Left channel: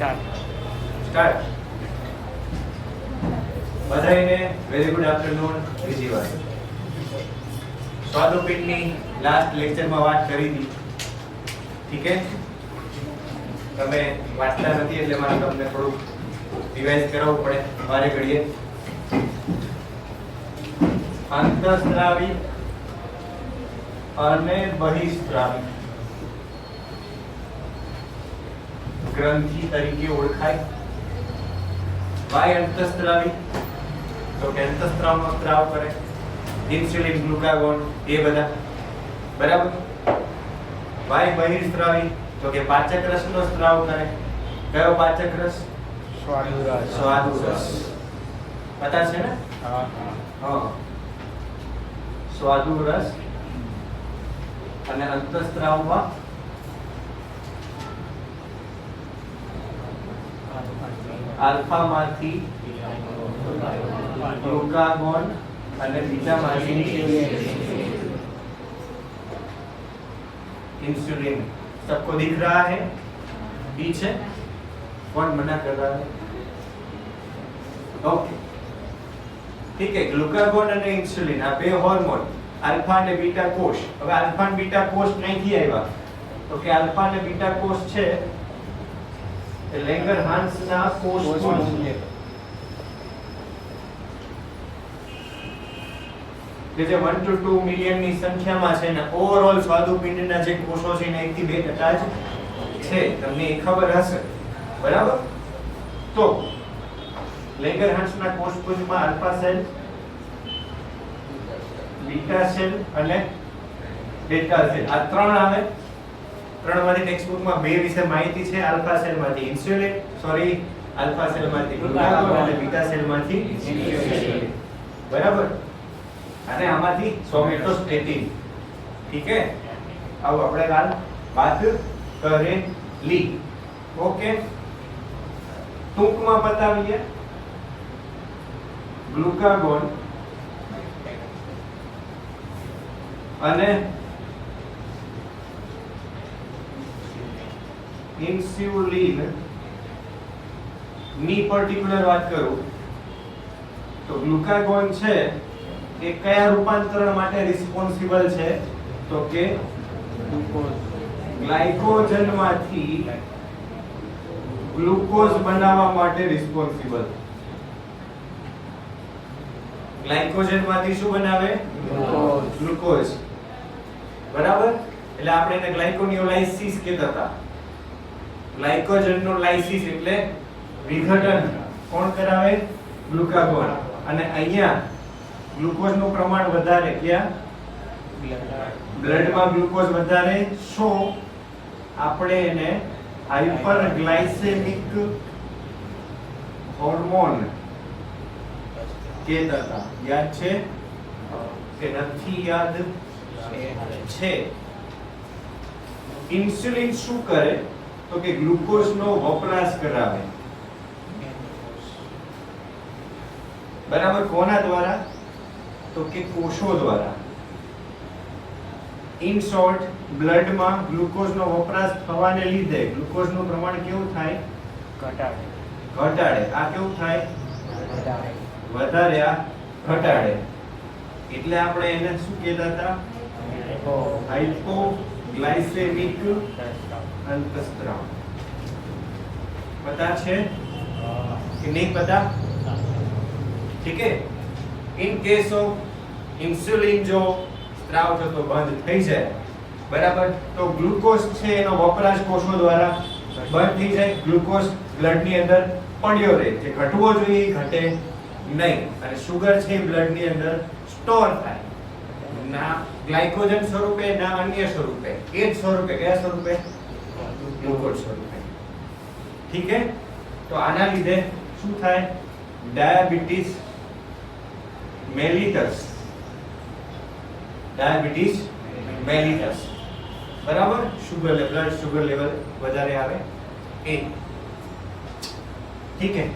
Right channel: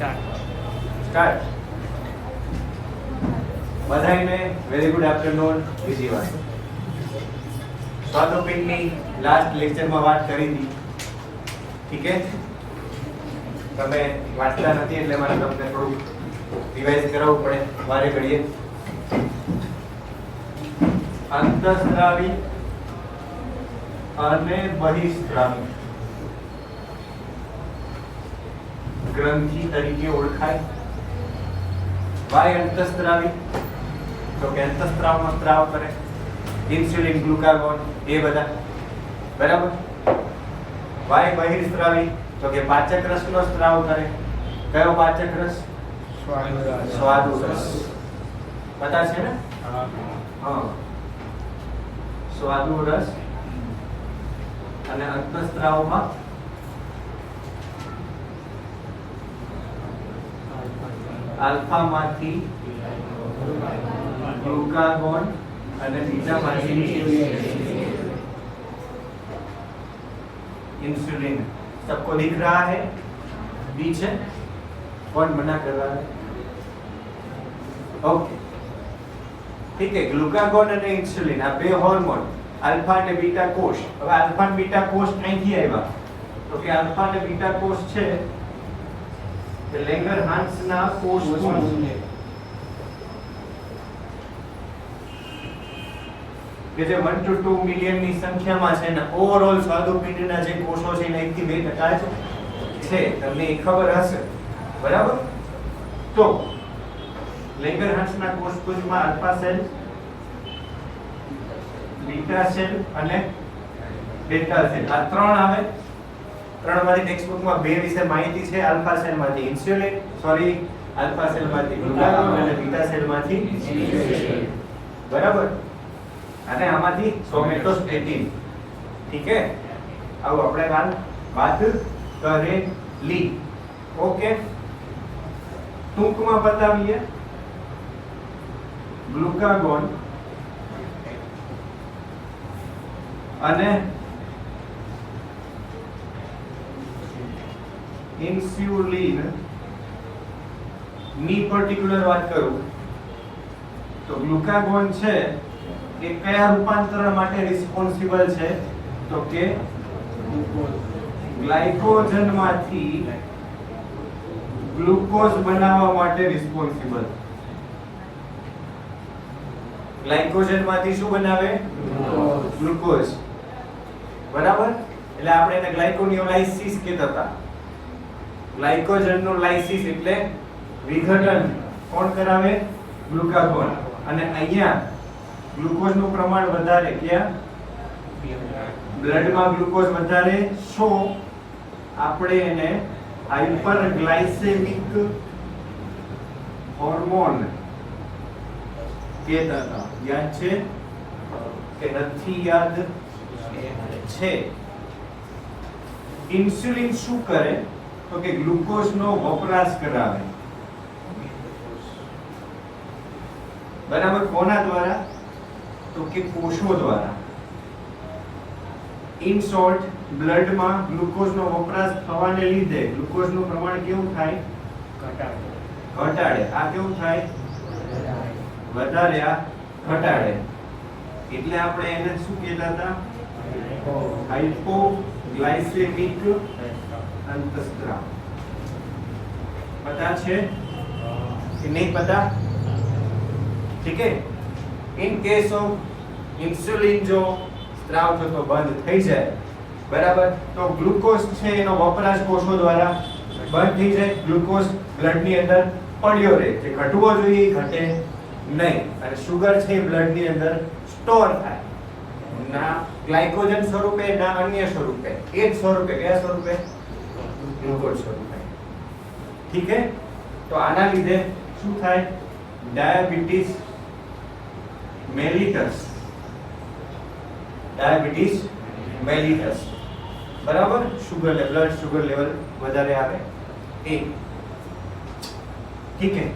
Start. બધાને very good afternoon. બીજી વાત સ્વાદુપિંડની લાસ્ટ લેક્ચરમાં વાત કરી હતી. ઠીક છે, તમે વાંચતા નથી એટલે મારે તમને થોડું રિવાઇઝ કરાવવું પડે વારે ઘડીએ. અંતઃસ્ત્રાવી અને બહિઃસ્ત્રાવી ગ્રંથિ તરીકે ઓળખાય. વાય અંતઃસ્ત્રાવી તો કે અંતઃસ્ત્રાવનો સ્ત્રાવ કરે, ઇન્સ્યુલિન, ગ્લુકાગોન એ બધા બરાબર. વાય બહિઃસ્ત્રાવી તો કે પાચક રસનો સ્ત્રાવ કરે. કયો પાચક રસ? સ્વાદુ રસ. પતા છે ને? હા, સ્વાદુ રસ. અને અંતઃસ્ત્રાવમાં આલ્ફા માંથી ગ્લુકાગોન અને બીજામાંથી इंसुलिन. सबको दिख रहा है? बी है, कौन मना कर रहा है? ओके, ठीक है. ग्लूकागोन અને ઇન્સ્યુલિન આ બે હોર્મોન આલ્ફા અને બીટા કોષ. હવે આલ્ફા અને બીટા કોષ ક્યાંથી આવ્યા? તો કે આલ્ફા અને બીટા કોષ છે એ લેંગરહાન્સના કોષમાંથી કે જે 1 to 2 મિલિયન ની સંખ્યામાં છે ને ઓવરઓલ સ્વાદુપિંડના જે કોષો છે ને 1 થી 2% જ છે. તમને એ ખબર હશે બરાબર. તો લેંગરહાન્સના કોષપુંજમાં આલ્ફા સેલ, બીટા સેલ અને બેટા સેલ આ ત્રણ આવે. ત્રણમાંથી ટેક્સ્ટબુકમાં બે વિશે માહિતી છે. Alpha સેલમાંથી insulin, sorry alpha સેલમાંથી glucagon અને બીટા સેલમાંથી ઇન્સ્યુલિન બરાબર. અને આમાંથી સોમેટોસ્ટેટિન. ઠીક છે, આવો આપણે કાલ વાત કરેલી. ઓકે, ટૂંકમાં બતાવીએ. ગ્લુકાગોન અને ઇન્સ્યુલિન ની પર્ટિક્યુલર વાત કરું તો ગ્લુકાગોન છે એ કયા રૂપાંતરણ માટે રિસ્પોન્સિબલ છે? તો કે ગ્લાયકોજનમાંથી ગ્લુકોઝ બનાવવા માટે રિસ્પોન્સિબલ. ગ્લાયકોજનમાંથી શું બનાવે? ગ્લુકોઝ બરાબર. એટલે આપણે એને ગ્લાયકોનિયોલાઇસિસ કહેતા હતા. ગ્લાયકોજનનો લાઇસિસ એટલે વિઘટન કોણ કરાવે? ગ્લુકાગોન. અને અહીંયા ગ્લુકોઝનું પ્રમાણ વધારે ક્યાં? બ્લડમાં ગ્લુકોઝ વધારે. સો આપણે એને હાઇપરગ્લાયસેમિક હોર્મોન કહેતા હતા. યાદ છે કે નથી યાદ? છે. ઇન્સ્યુલિન શું કરે? તો કે ગ્લુકોઝનો વપરાશ કરાવે બરાબર. કોના દ્વારા? તો કે કોષો દ્વારા. ઇન શોર્ટ, બ્લડમાં ગ્લુકોઝનો વપરાશ થવાને લીધે ગ્લુકોઝનું પ્રમાણ કેવું થાય? ઘટાડે. આ કેવું થાય? વધારે. આ ઘટાડે. એટલે આપણે એને શું કહેતા હતા? હાઇપોગ્લાયસેમિક અંતઃસ્ત્રાવ. પતા છે કે નહીં પતા? ઠીક है. ઇન કેસ ઓફ ઇન્સ્યુલિન જો સ્ત્રાવ થતો બંધ થઈ જાય બરાબર, તો ગ્લુકોઝ છે એનો વપરાશ કોષો દ્વારા બંધ થઈ જાય. ગ્લુકોઝ બ્લડની અંદર પડ્યો રહે. જે ઘટવો જોઈએ એ ઘટે નહીં. અને સુગર છે બ્લડની અંદર સ્ટોર થાય. ના ગ્લાયકોજન સ્વરૂપે ના અન્ય સ્વરૂપે. એ જ સ્વરૂપે. કયા સ્વરૂપે? ગ્લુકોઝ સ્વરૂપે. ઠીક है. તો આના લીધે શું થાય? Diabetes mellitus. ડાયાબિટીસ મેલિટસ બરાબર. Sugar level, blood sugar level વધારે આવે એ. ઠીક है.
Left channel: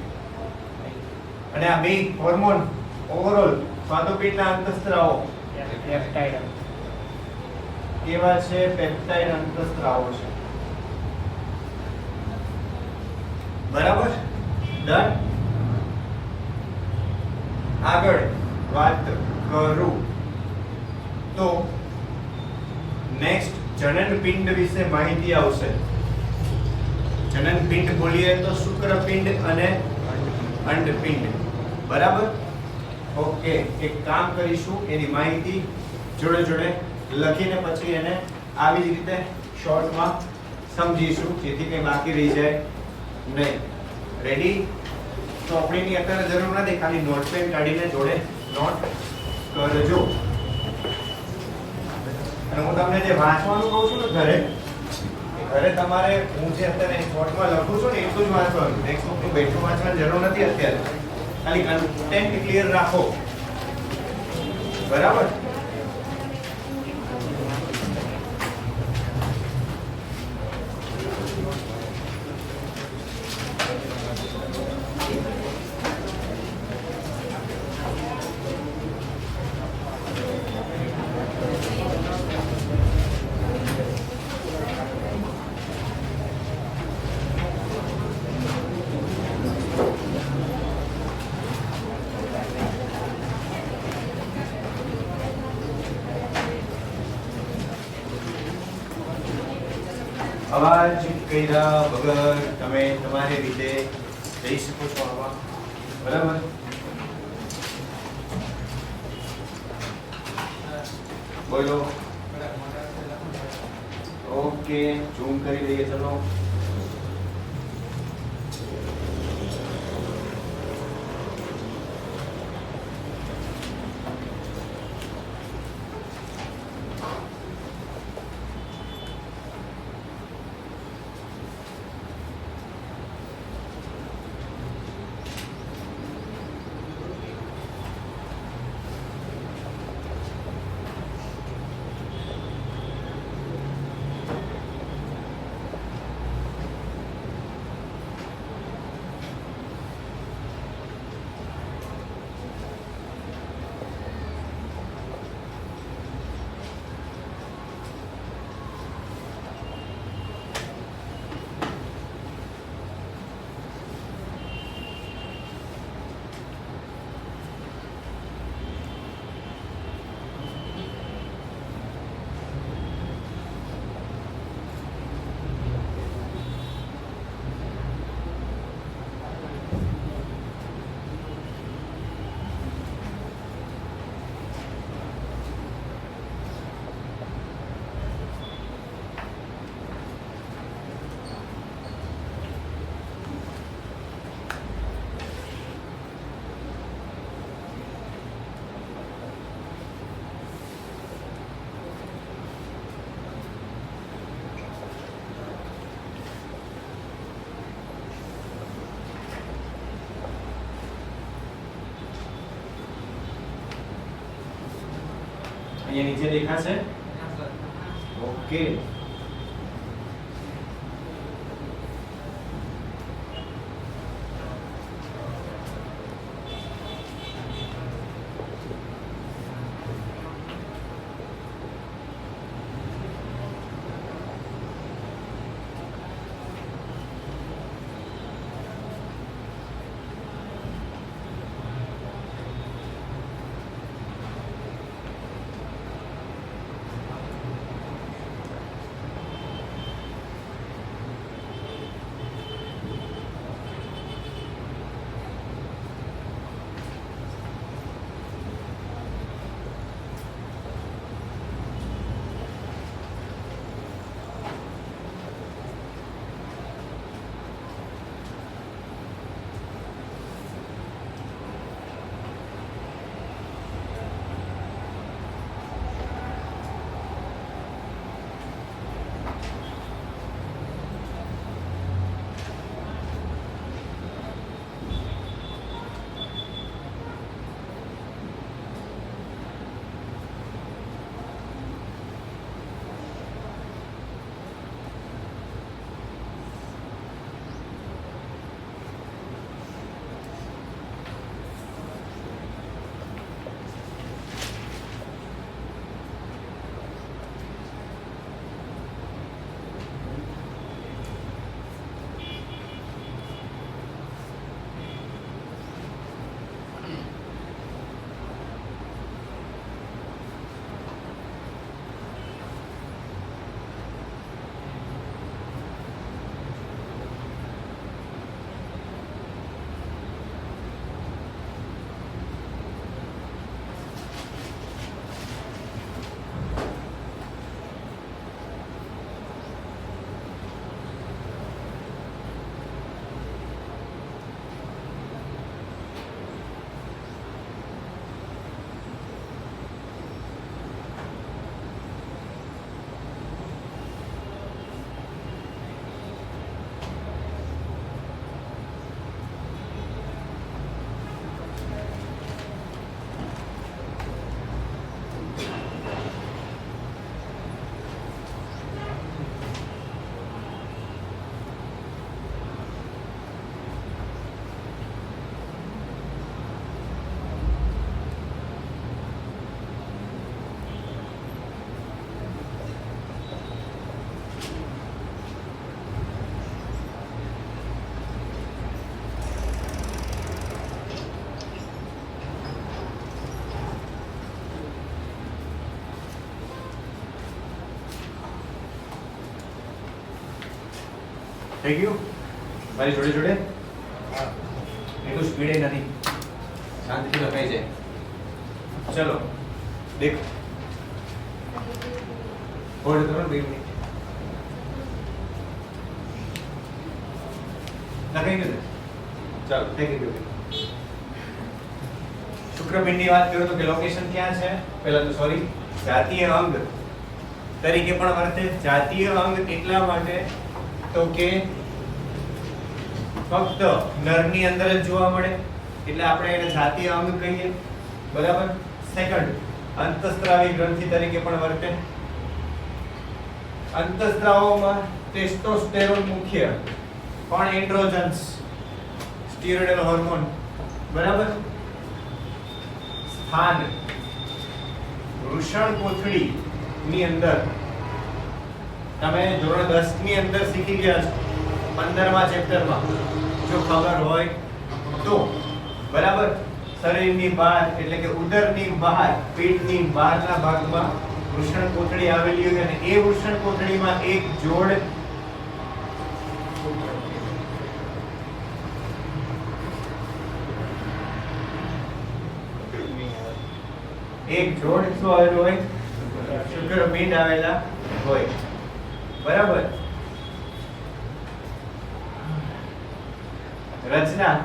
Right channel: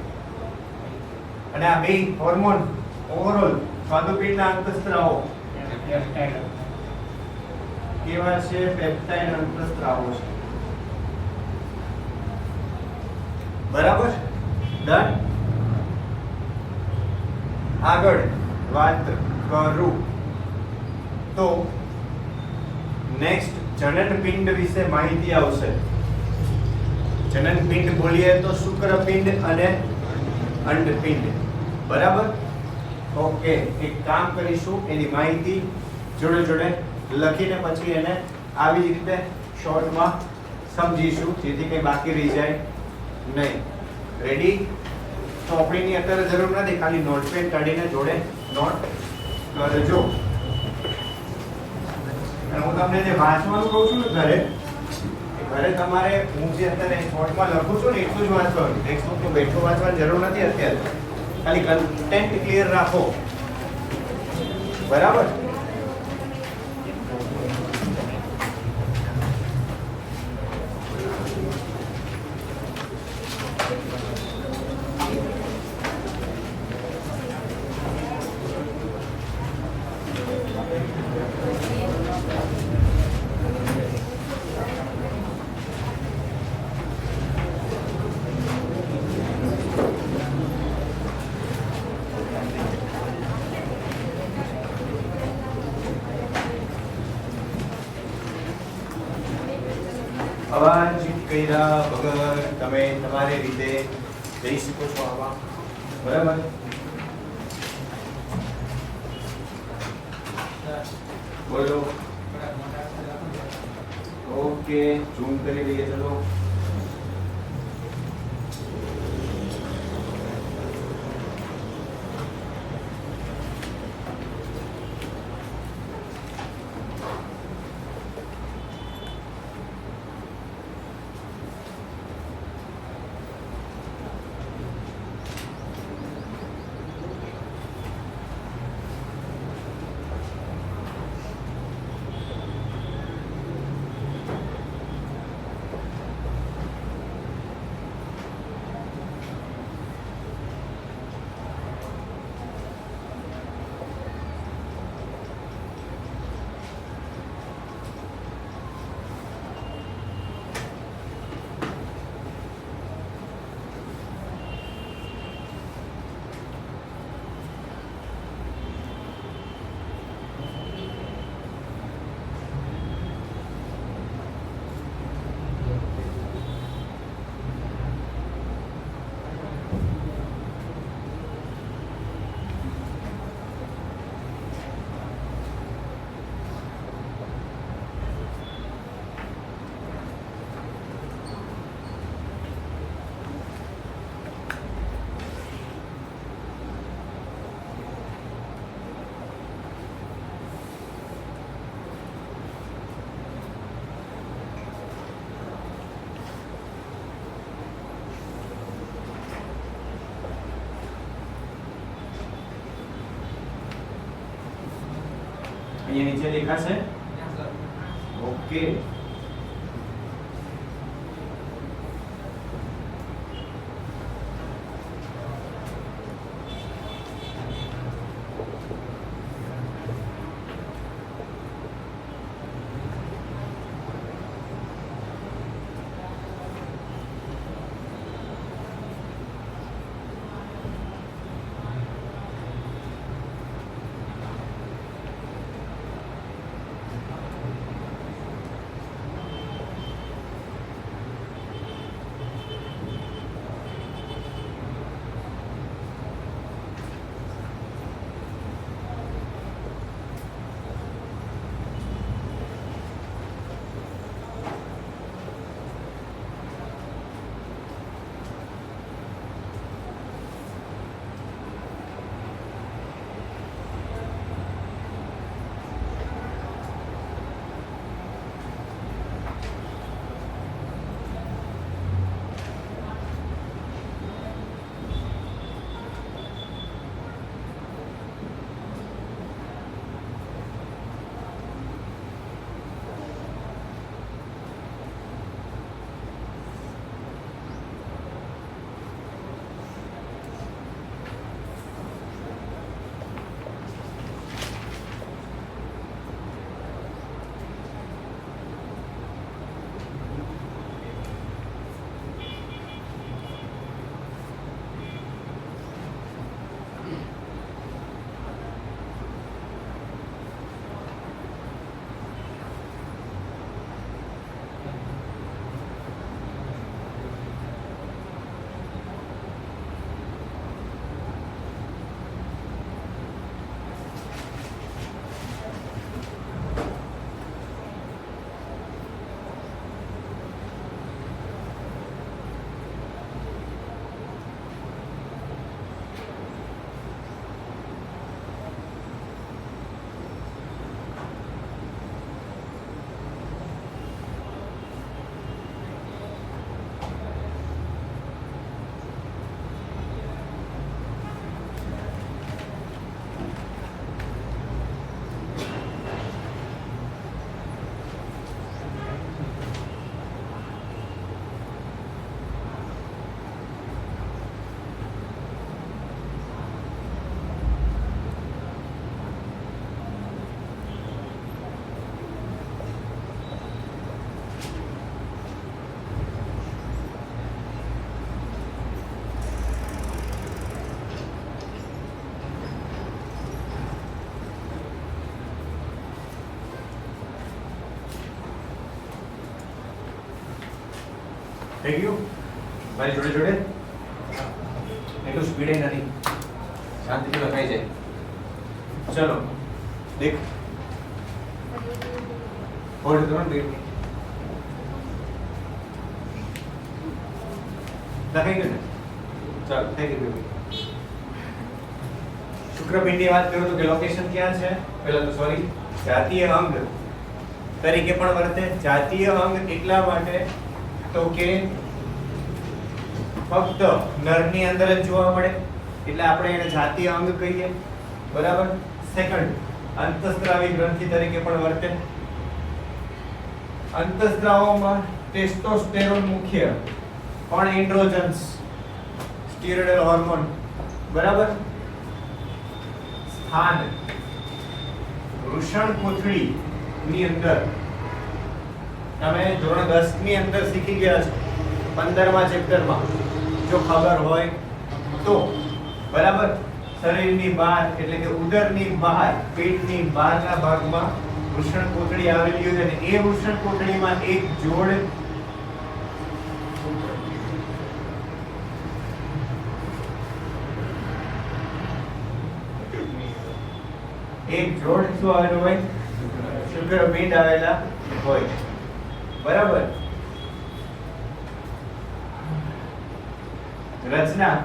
અને આ બે હોર્મોન ઓવરઓલ સ્વાદુપિંડના અંતઃસ્ત્રાવો કેવા છે? પેપ્ટાઇડ અંતઃસ્ત્રાવો છે. બરાબર, ડન. આગળ વાત કરું તો નેક્સ્ટ જનનપિંડ વિશે માહિતી આવશે. જનનપિંડ બોલીએ તો શુક્રપિંડ અને અંડપિંડ. બરાબર, ઓકે. એક કામ કરીશું, એની માહિતી જોડે જોડે લખીને પછી એને આવી જ રીતે શોર્ટમાં સમજીશું, જેથી કંઈ બાકી રહી જાય નહીં. રેડી? તો આપણીની અત્યારે જરૂર નથી, ખાલી નોટપેન કાઢીને જોડે નોટ કરજો. અને હું તમને જે વાંચવાનું કહું છું ને ઘરે તમારે હું જે અત્યારે નોટમાં લખું છું ને એટલું જ વાંચવાનું. ટેક્સ્ટ બુક બેઠું વાંચવાની જરૂર નથી અત્યારે. ખાલી કન્ટેન્ટ ક્લિયર રાખો. બરાબર? અવાજ કર્યા વગર તમે તમારી રીતે જઈ શકો છો આમાં. બરાબર? બોલો. ઓકે, ઝૂમ કરી દઈએ. ચલો, અહીંયા નીચે દેખાશે. ઓકે, થઈ ગયું મારી જોડે જોડે એટલું સ્પીડ નથી શાંતિથી થઈ જાય ચલો દેખ હોલ્ડ કરો ને લખાઈ ગયું ને ચાલો થઈ ગયું શુક્રપિંડની વાત કરું તો કે લોકેશન ક્યાં છે પહેલા તો સોરી જાતીય અંગ તરીકે પણ વર્તે જાતીય અંગ એટલા માટે તો કે ફક્ત નરની અંદર જ જોવા મળે એટલે આપણે એને જાતીય અંગ કહીએ બરાબર સેકન્ડ અંતઃસ્ત્રાવી ગ્રંથિ તરીકે પણ વર્તે અંતઃસ્ત્રાવોમાં ટેસ્ટોસ્ટેરોન મુખ્ય પણ એન્ડ્રોજન્સ સ્ટીરોઇડલ હોર્મોન બરાબર સ્થાન વૃષણકોથળી ની અંદર તમે ધોરણ 10 ની અંદર શીખી ગયા છો 15મા ચેપ્ટરમાં જો ખબર હોય તો બરાબર શરીરની બહાર એટલે કે ઉદરની બહાર પેટની બહારના ભાગમાં વૃષણકોથળી આવેલી હોય અને એ વૃષણકોથળીમાં એક જોડ શું આવેલું હોય શુક્રપિંડ આવેલા હોય બરાબર રચના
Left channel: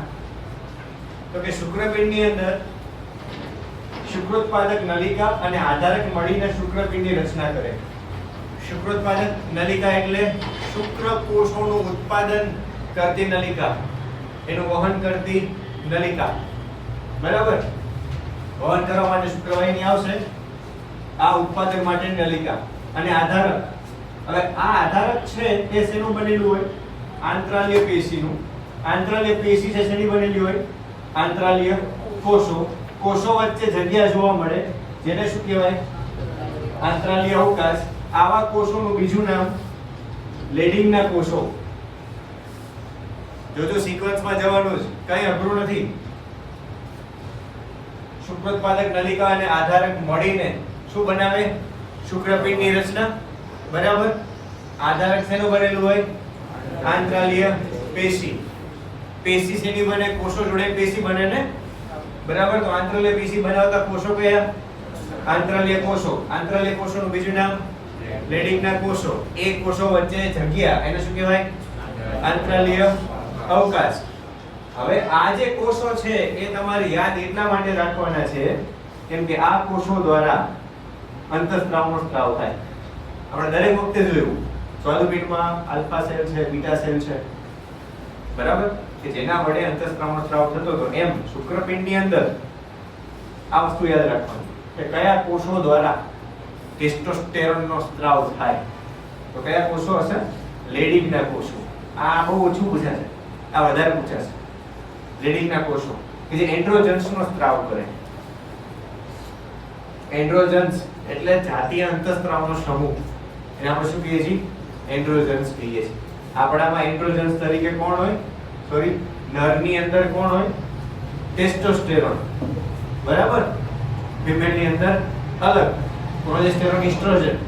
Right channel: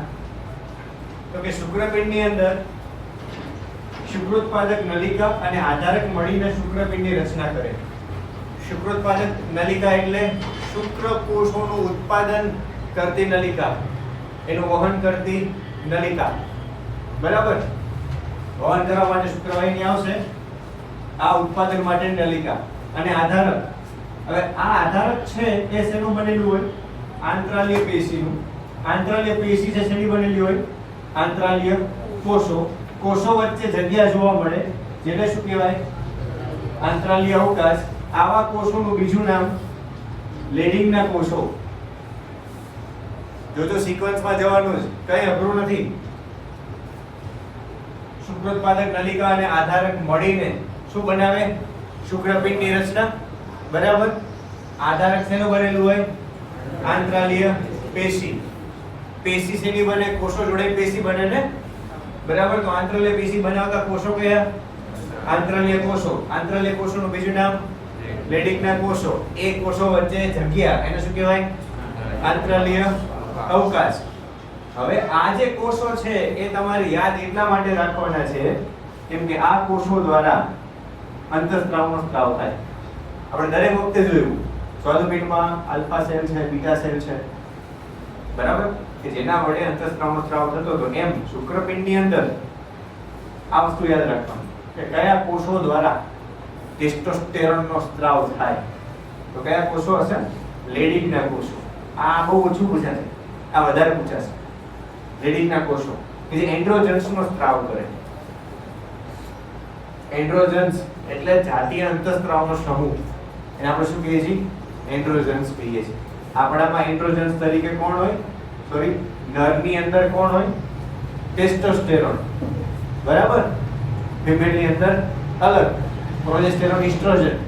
તો કે શુક્રપિંડની અંદર શુક્રોત્પાદક નલિકા અને આધારક મળીને શુક્રપિંડની રચના કરે શુક્રોત્પાદક નલિકા એટલે શુક્રકોષોનું ઉત્પાદન કરતી નલિકા એનું વહન કરતી નલિકા બરાબર વહન કરવા માટે શુક્રવાહિની આવશે આ ઉત્પાદન માટે નલિકા અને આધારક હવે આ આધારક છે એ શેનું બનેલું હોય આંતરાલીય પેશીનું આંતરાલીય પેશી છે શેની બનેલી હોય આંતરાલીય કોષો કોષો વચ્ચે જગ્યા જોવા મળે જેને શું કહેવાય આંતરાલીય અવકાશ આવા કોષોનું બીજું નામ લેડિંગના કોષો જો સિક્વન્સમાં જવાનું છે કઈ અઘરું નથી શુક્રોત્પાદક નલિકા અને આધારક મળીને શું બનાવે શુક્રપિંડની રચના બરાબર આધારક શેનું બનેલું હોય આંતરાલીય પેશી પેશી શેની બને કોષો જોડે પેશી બને ને બરાબર તો આંતરાલીય પેશી બનાવતા કોષો કયા આંતરાલીય કોષોનું બીજું નામ લેડિંગના કોષો એ કોષો વચ્ચે જગ્યા એને શું કહેવાય આંતરાલીય અવકાશ હવે આ જે કોષો છે એ તમારે યાદ એટલા માટે રાખવાના છે કેમ કે આ કોષો દ્વારા અંતઃસ્ત્રાવનો સ્ત્રાવ થાય આપણે દરેક વખતે જોયું સ્વાદુપિંડમાં આલ્ફા સેલ છે બીટા સેલ છે બરાબર કે જેના વડે અંતઃસ્ત્રાવનો સ્ત્રાવ થતો હતો એમ શુક્રપિંડની અંદર આ વસ્તુ યાદ રાખવાની કે કયા કોષો દ્વારા ટેસ્ટોસ્ટેરોનનો સ્ત્રાવ થાય તો કયા કોષો હશે લેડિંગના કોષો આ બહુ ઓછું પૂછાશે આ વધારે પૂછાશે લેડિંગના કોષો કે જે એન્ડ્રોજન્સનો સ્ત્રાવ કરે એન્ડ્રોજન્સ એટલે જાતીય અંતઃસ્ત્રાવનો સમૂહ એને આપણે શું કહીએ છીએ એન્ડ્રોજન્સ કહીએ છીએ આપણામાં એન્ડ્રોજન્સ તરીકે કોણ હોય સોરી નરની અંદર કોણ હોય ટેસ્ટોસ્ટેરોન બરાબર ફિમેલની અંદર અલગ પ્રોજેસ્ટેરોન એસ્ટ્રોજન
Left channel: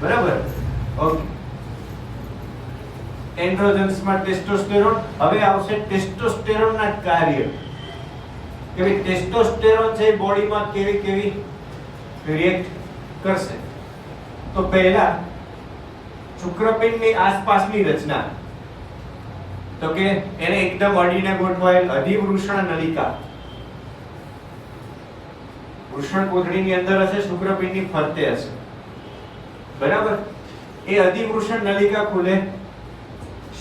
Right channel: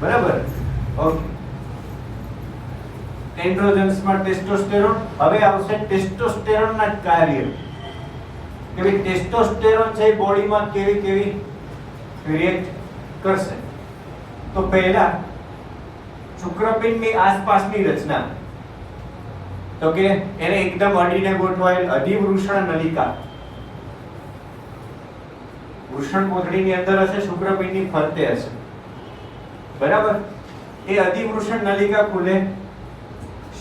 બરાબર ઓકે એન્ડ્રોજન્સમાં ટેસ્ટોસ્ટેરોન હવે આવશે ટેસ્ટોસ્ટેરોનના કાર્ય કે ભાઈ ટેસ્ટોસ્ટેરોન છે બોડીમાં કેવી રિએક્ટ કરશે તો પહેલા શુક્રપિંડની આસપાસની રચના તો કે એને એકદમ અડીને ગોઠવાયેલ અધિવૃષણ નલિકા વૃષણકોથળીની અંદર હશે શુક્રપિંડની ફરતે હશે બરાબર એ અધિવૃષણ નલિકા ખુલે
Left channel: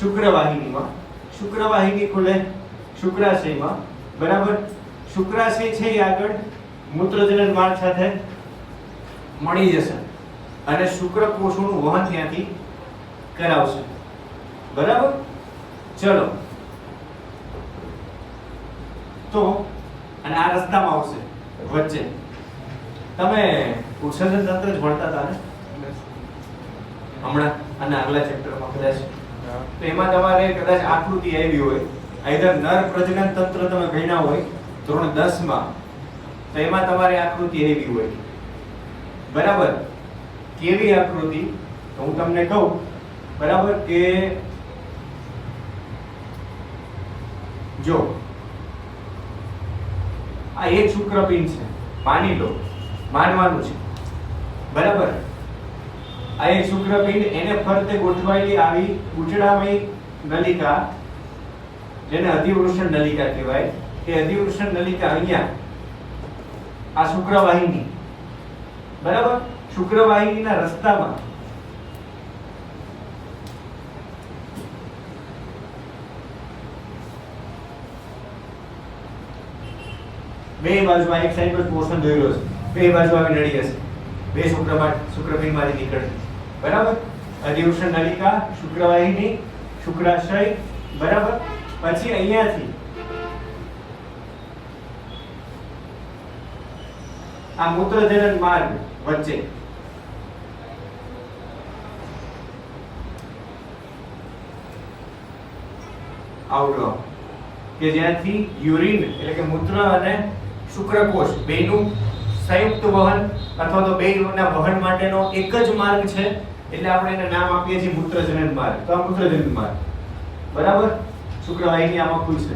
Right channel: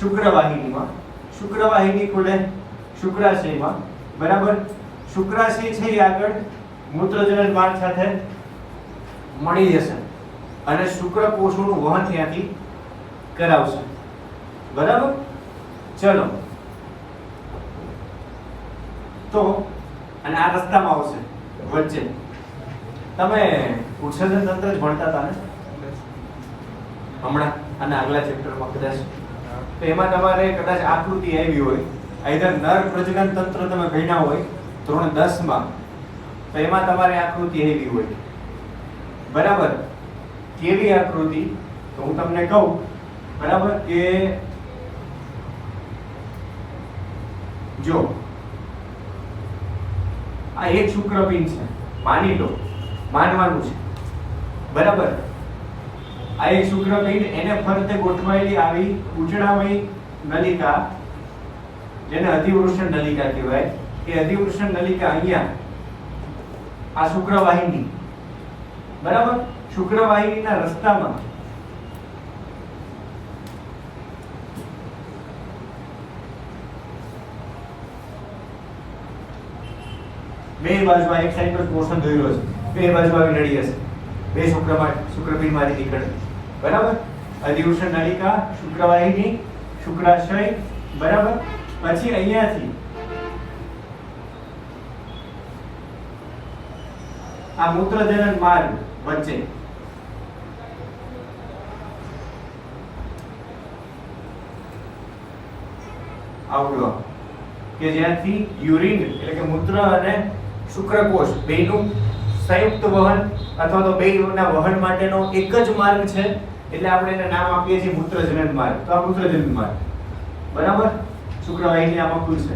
શુક્રવાહિની ખુલે શુક્રાશયમાં બરાબર શુક્રાશય છે એ આગળ મૂત્રજનન માર્ગ સાથે મળી જશે અને શુક્રકોષોનું વહન ત્યાંથી કરાવશે બરાબર ચલો તો અને આ રસ્તામાં આવશે વચ્ચે તમે ઉત્સર્જન તંત્ર જ ભણતા હતા ને હમણાં અને આગલા ચેપ્ટરમાં કદાચ તો એમાં તમારે કદાચ આકૃતિ આવી હોય આઈધર નર પ્રજનન તંત્ર તમે ભણ્યા હોય ધોરણ 10 માં તો એમાં તમારે આકૃતિ આવી હોય બરાબર કેવી આકૃતિ તો હું તમને કહું બરાબર કે જો આ એક શુક્રપિંડ છે, માની લો, માનવાનું છે, બરાબર. આ એક શુક્રપિંડ, એને ફરતે ગોઠવાયેલી આવી ઉજળામય નલિકા, જેને અધિવૃષણ નલિકા કહેવાય, એ અધિવૃષણ નલિકા અહીંયા આ શુક્રવાહિની, બરાબર, શુક્રવાહિનીના રસ્તામાં બે બાજુ એક સાઈડ પર પોર્શન જોયેલો છે, બે બાજુ આવી નળી હશે, બે શુક્રપિંડમાંથી નીકળતી, બરાબર. અધિવૃષણ નલિકા, શુક્રવાહિની, શુક્રાશય, બરાબર. પછી અહીંયાથી આ મૂત્રજનન માર્ગ વચ્ચે આવડો કે જ્યાંથી યુરિન એટલે કે મૂત્ર અને શુક્રકોષ બેયનું સંયુક્ત વહન અથવા તો બેયના વહન માટેનો એક જ માર્ગ છે, એટલે આપણે એને નામ આપીએ છીએ મૂત્રજનન માર્ગ. તો આ મૂત્રજનન માર્ગ, બરાબર. શુક્રવાહિની આમાં ખુલશે,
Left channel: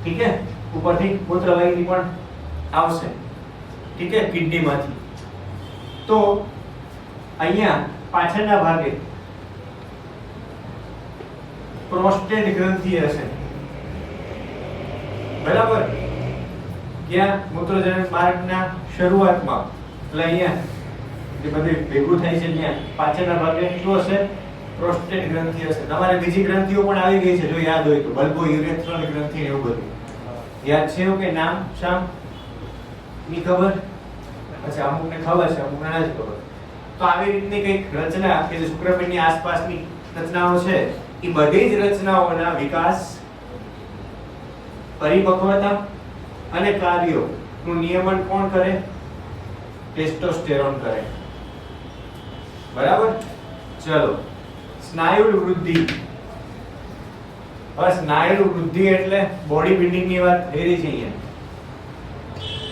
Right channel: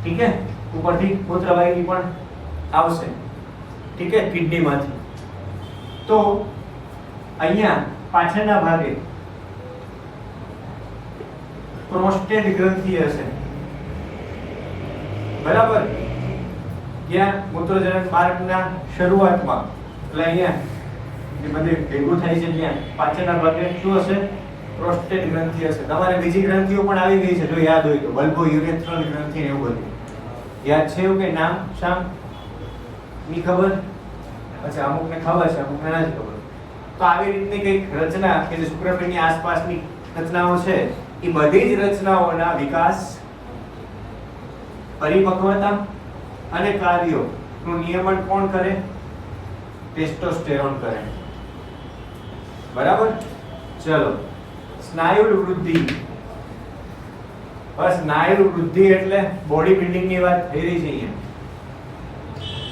ઠીક છે. ઉપરથી મૂત્રવાહિની પણ આવશે, ઠીક છે, કિડનીમાંથી. તો અહીંયા પાછળના ભાગે પ્રોસ્ટેટ ગ્રંથિ હશે, બરાબર. જ્યાં મૂત્રજનન માર્ગના શરૂઆતમાં, એટલે અહીંયા જે બધું ભેગું થાય છે, ત્યાં પાછળના ભાગે શું હશે? પ્રોસ્ટેટ ગ્રંથિ હશે. તમારે બીજી ગ્રંથિઓ પણ આવી ગઈ છે, જો યાદ હોય તો, બલ્બો યુરેથ્રલ ગ્રંથિ, એવું બધું યાદ છે? એવું કે નામ શામ ની ખબર? અચ્છા, અમુકને ખબર છે, અમુકને નથી ખબર. તો આવી રીતની કઈક રચના કે જે શુક્રપિંડની આસપાસની રચનાઓ છે, એ બધી જ રચનાઓના વિકાસ, પરિપક્વતા અને કાર્યોનું નિયમન કોણ કરે? ટેસ્ટોસ્ટેરોન કરે, બરાબર. ચલો, સ્નાયુ વૃદ્ધિ. હવે સ્નાયુ વૃદ્ધિ એટલે બોડી બિલ્ડિંગ ની વાત થઈ રહી છે અહીંયા,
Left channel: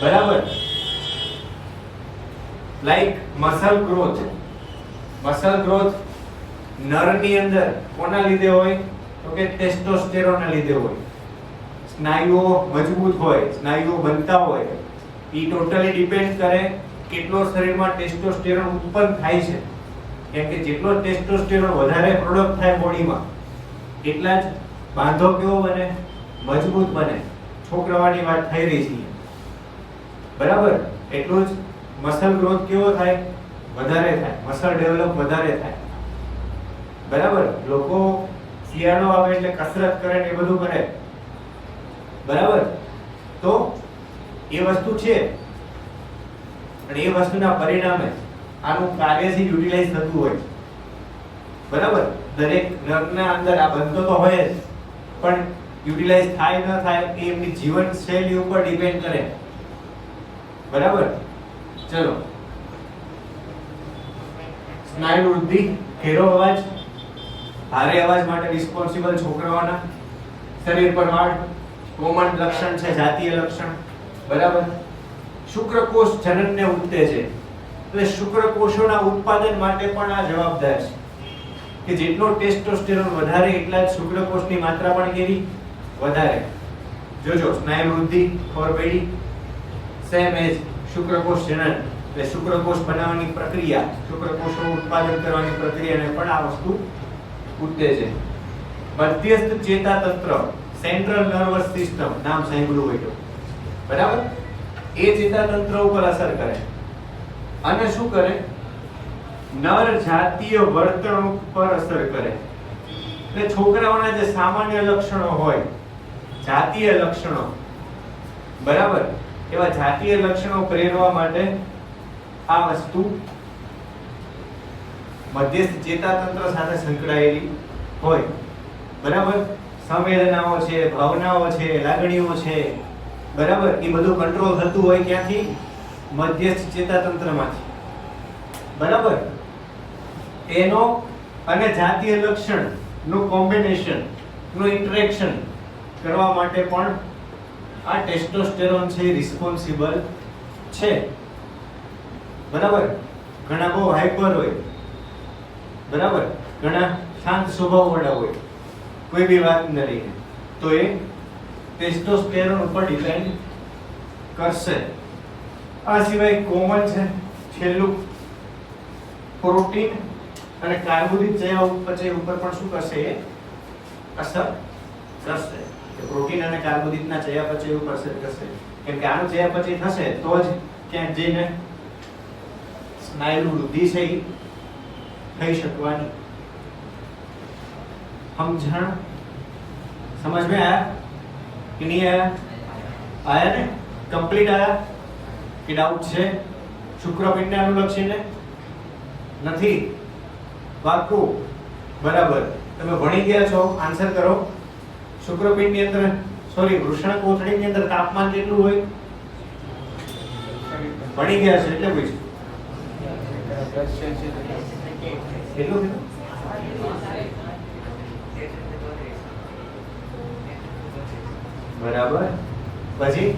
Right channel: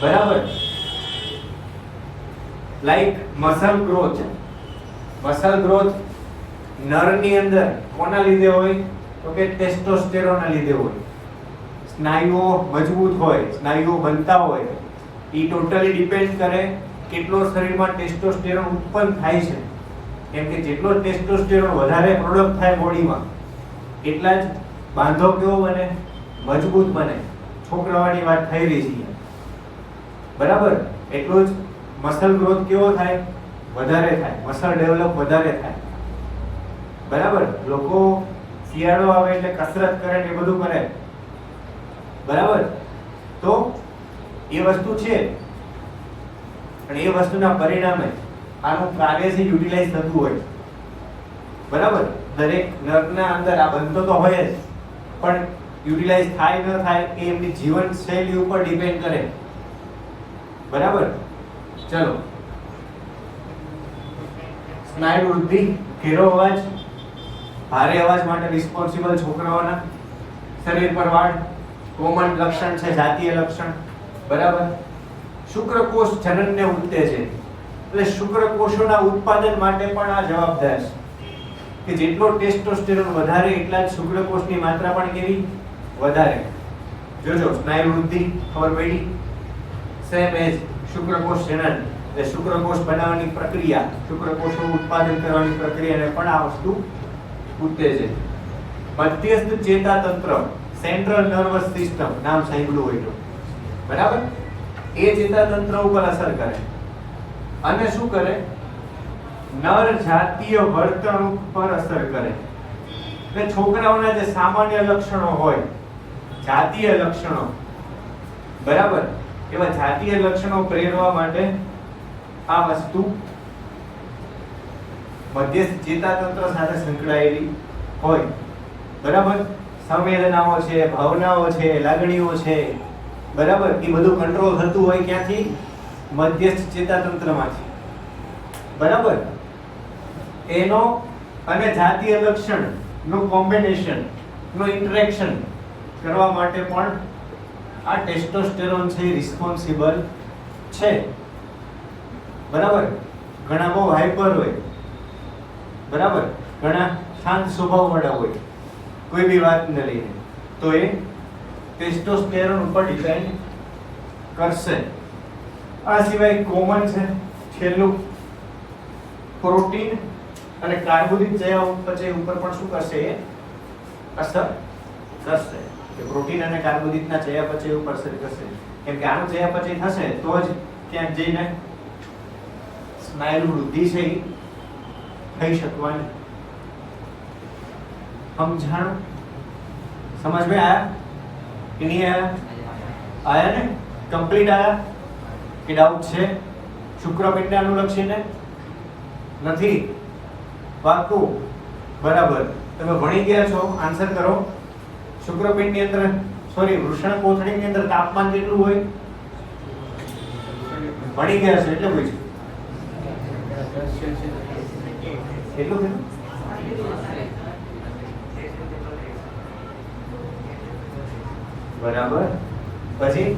બરાબર. Like muscle growth. Muscle growth નરની અંદર કોના લીધે હોય? તો કે ટેસ્ટોસ્ટેરોનના લીધે હોય. સ્નાયુઓ મજબૂત હોય, સ્નાયુઓ બનતા હોય, એ ટોટલી ડિપેન્ડ કરે કેટલો શરીરમાં ટેસ્ટોસ્ટેરોન ઉત્પન્ન થાય છે. કેમ કે જેટલો ટેસ્ટોસ્ટેરોન વધારે પ્રોડક્ટ થાય બોડીમાં, એટલા જ બાંધો કેવો બને? મજબૂત બને. છોકરાવાની વાત થઈ રહી છે, બરાબર. એટલું જ મસલ ગ્રોથ કેવો થાય? વધારે થાય. મસલ ડેવલપ વધારે થાય, બરાબર. લોકો શિયાળો આવે એટલે કસરત કરે ને એ બધું કરે, બરાબર. તો એ વસ્તુ છે, અને એ વસ્તુના પરિણામે આનું કાર્યથી યુટિલાઇઝ થતું હોય, બરાબર. દરેક નર્વના અંદર આ બનતો તો હોય જ, પણ યુટિલાઇઝ થાય ન થાય એ એમની જીવનશૈલી ઉપર ડિપેન્ડ કરે, બરાબર. ચલો, સ્નાયુ વૃદ્ધિ, ઘેરો અવાજ, ભારે અવાજ માટે રિસ્પોન્સિબલ છોકરાઓના શરીર પર વાળ, કોમન લક્ષણ છે, જાતીય લક્ષણ, બરાબર. શુક્રકોષ જનનને ઉત્તેજે, એટલે શુક્રકોષોના ઉત્પાદન માટે પણ આ જવાબદાર છે કે જેટલો ટેસ્ટોસ્ટેરોન વધારે એટલા જ શુક્રકોષની માત્રા પણ કેવી? વધારે. જોજો, સ્નાયુ વૃદ્ધિ ખબર પડી? સેમ એજ શુક્રકોષ જનન, એટલે શુક્રકોષ બનાવવાની પ્રક્રિયા, શુક્રકોષનું ઉત્પાદન કરવાની પ્રક્રિયાને પણ આ વસ્તુ ઉત્તેજે. મધ્યસ્થ ચેતાતંત્ર, સેન્ટ્રલ નર્વસ સિસ્ટમ, નામ સાંભળ્યું હોય તો, બરાબર. એ ચેતાતંત્ર ઉપર અસર કરે અને શું કરે? નર જાતીય વર્તણૂક પર અસર કરે. એટલે છોકરાઓના જે સામાન્ય લક્ષણો હોય, જાતીય લક્ષણો, બરાબર, એવા જાતીય લક્ષણો પ્રેરવા માટે આ વસ્તુ મધ્યસ્થ ચેતાતંત્ર સાથે સંકળાયેલી હોય, બરાબર. સંવેદનાઓ છે, ભાવનાઓ છે, લાગણીઓ છે, બરાબર, એ બધું કંટ્રોલ થતું હોય ક્યાંથી? મધ્યસ્થ ચેતાતંત્રમાંથી, બરાબર. એનો અને જાતીય લક્ષણ નું કોમ્બિનેશન નું ઇન્ટરેક્શન કરવા માટે પણ આ ટેસ્ટોસ્ટેરોન છે રિસ્પોન્સિબલ છે, બરાબર. ઘણા બહુ હાઈપર હોય, બરાબર, ઘણા શાંત સ્વભાવ વાળા હોય, કોઈ બી વાત ન લઈને, તો એ ટેસ્ટોસ્ટેરોન ઉપર ડિપેન્ડ કરશે. આ સિવાય કોમન છે છેલ્લું પ્રોટીન અને કાર્બોદિત ચયાપચય ઉપર પણ શું કરશે? એ અસર કરશે. કે પ્રોટીન અને કાર્બોદિતના ચયાપચય ઉપર અસર કરશે. કેમ કે આનું ચયાપચય થશે તો જ ક્યાંક જઈને સ્નાયુ વૃદ્ધિ છે એ થઈ શકવાની. સમજણ? समझ में आया कि नहीं आया? आया ने? कंप्लीट आया कि डाउट છે? શુક્રપિંડ અનુલક્ષીને નથી? પાક્કું? બરાબર. તમે ભણી ગયા છો, આન્સર કરો. શુક્રપિંડ ની અંદર સોરી વૃષણ કોથળી ની અંદર તાપમાન કેટલું હોય? ભણી ગયા છે એટલે પૂછ્યું. એટલું કે બરાબર. પછી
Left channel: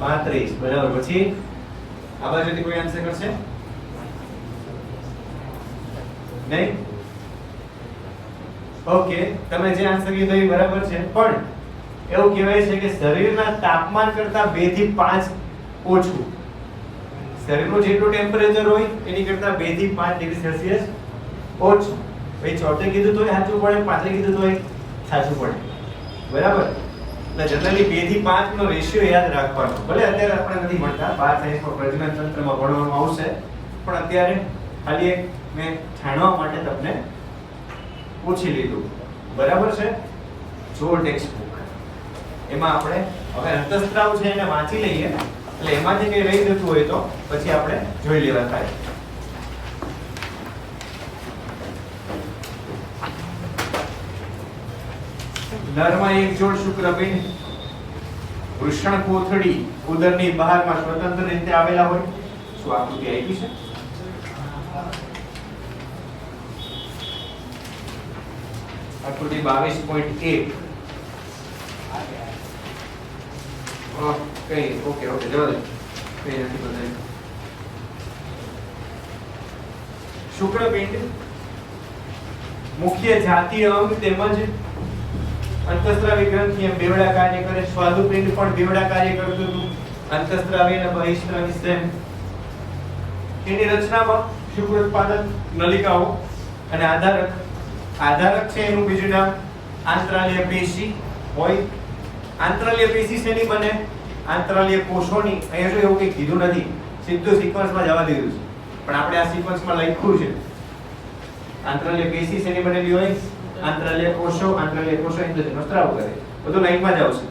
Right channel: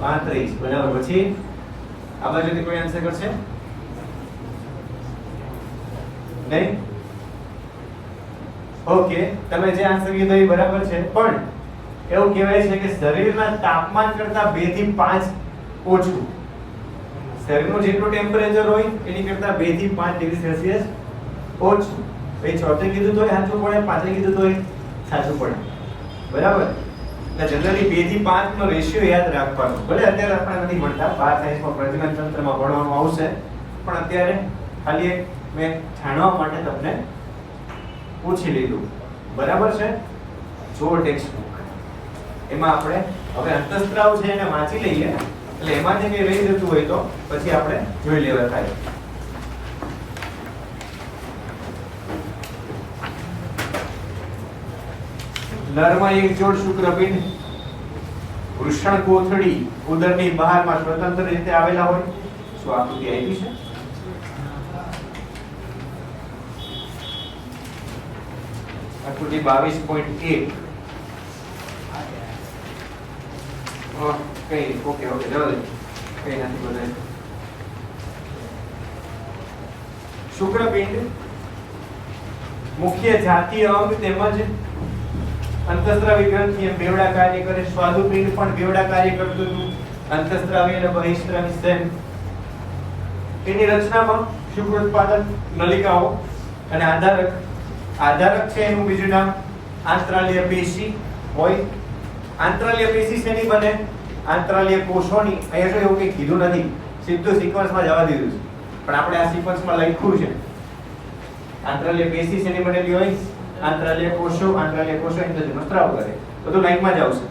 35 બરાબર. પછી આ બાજુથી કોઈ આન્સર કરશે નહીં? ઓકે, તમે જે આન્સર કીધો એ બરાબર છે, પણ એવું કહેવાય છે કે શરીરના તાપમાન કરતા 2 થી 5 ઓછું. શરીરનું જેટલું ટેમ્પરેચર હોય એની કરતા 2 થી 5 ડિગ્રી સેલ્સિયસ ઓછું. એ ચોથે કીધું તો સાચું પડે, પાંચે કીધું તો સાચું પડે. બરાબર. એટલે જનરલી 2 થી 5 નો રેશિયો યાદ રાખવાનો. ભલે અત્યારે આપણે નથી ભણતા, 12 સાયન્સમાં પ્રજનન તંત્રમાં ભણવામાં આવશે, પણ અત્યારે ખાલી મેં જાણવા માટે તમને પૂછી લીધું. બરાબર છે? જો ટેક્સ્ટ બુક એમાં આપણે હવે અંતઃસ્ત્રાવ છે એને વાંચી લઈએ, એટલે એમાંથી કઈ રહી જતું હોય તો પછી આપણે જોઈ લેવા થાય. નરમાં એક જોડ શુક્રપિંડ વૃષણ કોથળી ઉદરની બહારમાં સ્વતંત્ર રીતે આવેલા હોય. શું આકૃતિ આપી છે? આકૃતિ 22.1. ઓકે ઓકે ઓકે જવા દો, કઈ નથી બદલાય. શુક્રપિંડ મુખ્ય જાતીય અંગ તેમજ અંતઃસ્ત્રાવી ગ્રંથિ એમ બેવડા કાર્ય કરે. સ્વાદુપિંડ પણ બેવડા કાર્ય કરતું હતું. અંતઃસ્ત્રાવી અને બહિસ્ત્રાવી સેમ. એની રચનામાં શુક્ર ઉત્પાદન નલિકાઓ અને આધારક છે એનું બીજું નામ આંતરાલીય પેશી હોય. આંતરાલીય પેશી શેની બને? આંતરાલીય કોષોની. અહીંયા તો એવું કંઈ કીધું નથી, સીધું સિક્વન્સમાં જવા દીધું છે, પણ આપણે આ સિક્વન્સમાં લખ્યું છે. આંતરાલીય પેશી શેની બનેલી હોય? આંતરાલીય કોષો. આંતરાલીય કોષો એટલે સ્ત્રાવ કરે, બધું લાઈનમાં જ આવશે.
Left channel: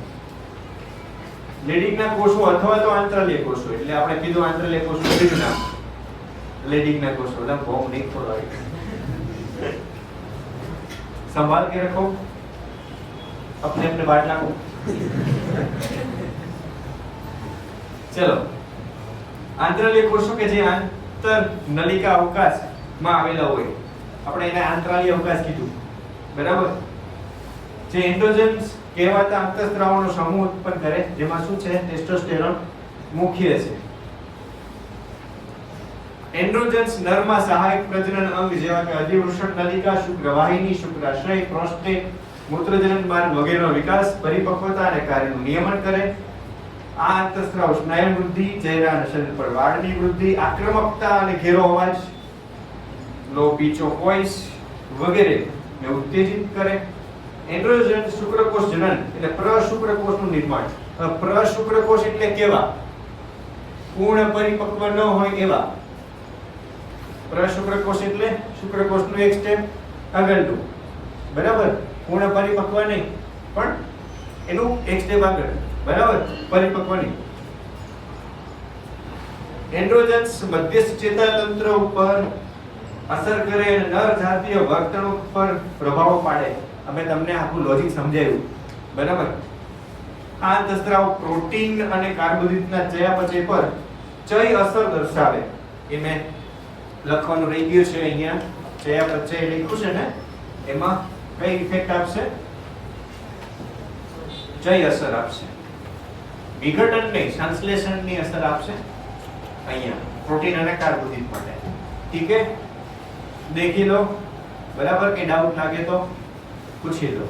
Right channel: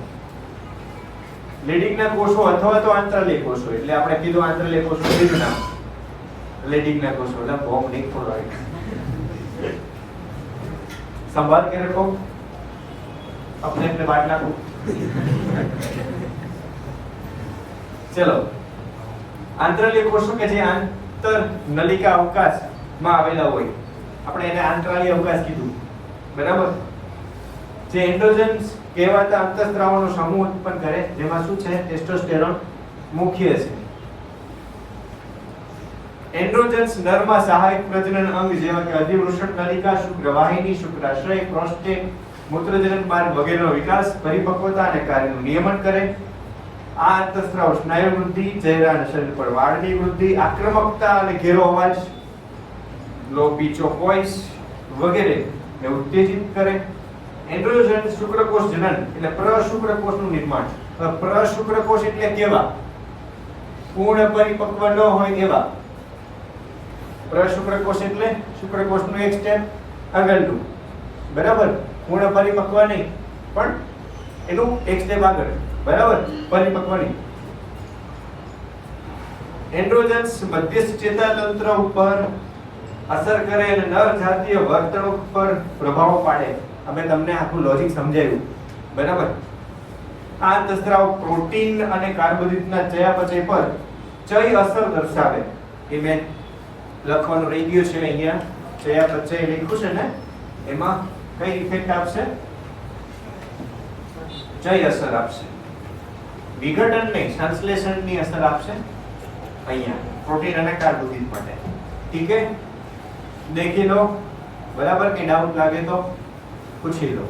લેડિંગના કોષો અથવા તો આંતરાલીય કોષો, એટલે આપણે કીધું આંતરાલીય કોષો બીજું નામ લેડિંગના કોષો. એટલે બોમ્બ નહીં ખોલાવી. संभाल के रखो, अपने अपने बाटला को. चलो, आंतरालीय कोषो કે જે આંતર નલિકા અવકાશમાં આવેલા હોય, આપણે એને આંતરાલીય અવકાશ કીધું. બરાબર. જે એન્ડ્રોજન્સ કહેવાતા અંતઃસ્ત્રાવનો સમૂહ ઉત્પન્ન કરે, જેમાં શું છે? ટેસ્ટોસ્ટેરોન મુખ્ય છે. એન્ડ્રોજન્સ નરમાં સહાયક પ્રજનન અંગ જેવા કે અધિવૃષણ નલિકા, શુક્રવાહિની, શુક્રાશય, પ્રોસ્ટેટ, મૂત્રજનન માર્ગ વગેરેનો વિકાસ, પરિપક્વતા અને કાર્યનું નિયમન કરે. આ અંતઃસ્ત્રાવ સ્નાયુ વૃદ્ધિ, ચહેરા અને શરીર પર વાળની વૃદ્ધિ, આક્રમકતા અને ઘેરો અવાજ, લો પીચ ઓફ વોઇસ વગેરે ને ઉત્તેજિત કરે. એન્ડ્રોજન શુક્રકોષ જનન એટલે પ્રશુક્રકોષનું નિર્માણ. પ્રશુક્રકોષ એટલે કેવા? પૂર્ણ પરિપક્વ ન હોય એવા. પ્રશુક્રકોષ એટલે શુક્રકોષનું એક સ્ટેપ આગળનું. બરાબર. પૂર્ણ પરિપક્વ નહીં, પણ એનું એક સ્ટેપ આગળ. બરાબર. પરિપક્વ નહીં. એન્ડ્રોજન્સ મધ્યસ્થ ચેતાતંત્ર ઉપર અસર કરે અને નર જાતીય વર્તણૂક પર પ્રભાવ પાડે. અમે તમને આખું લોજિક સમજાવ્યું. બરાબર. આ અંતઃસ્ત્રાવ પ્રોટીન અને કાર્બોદિતના ચયાપચય પર ચય અસર દર્શાવે. એ મેં લખવાનું રહી ગયું છે અહીંયા. ચયાપચય લખ્યું છે ને, એમાં કઈ ઇફેક્ટ આપશે? ચય અસર આપશે. વિઘટન નહીં, સંશ્લેષણની અસર આપશે અહીંયા પ્રોટીન અને કાર્બોદિત માટે. ઠીક છે? દેખી લો. બરાબર. કે ડાઉટ લાગે તો પૂછી લો.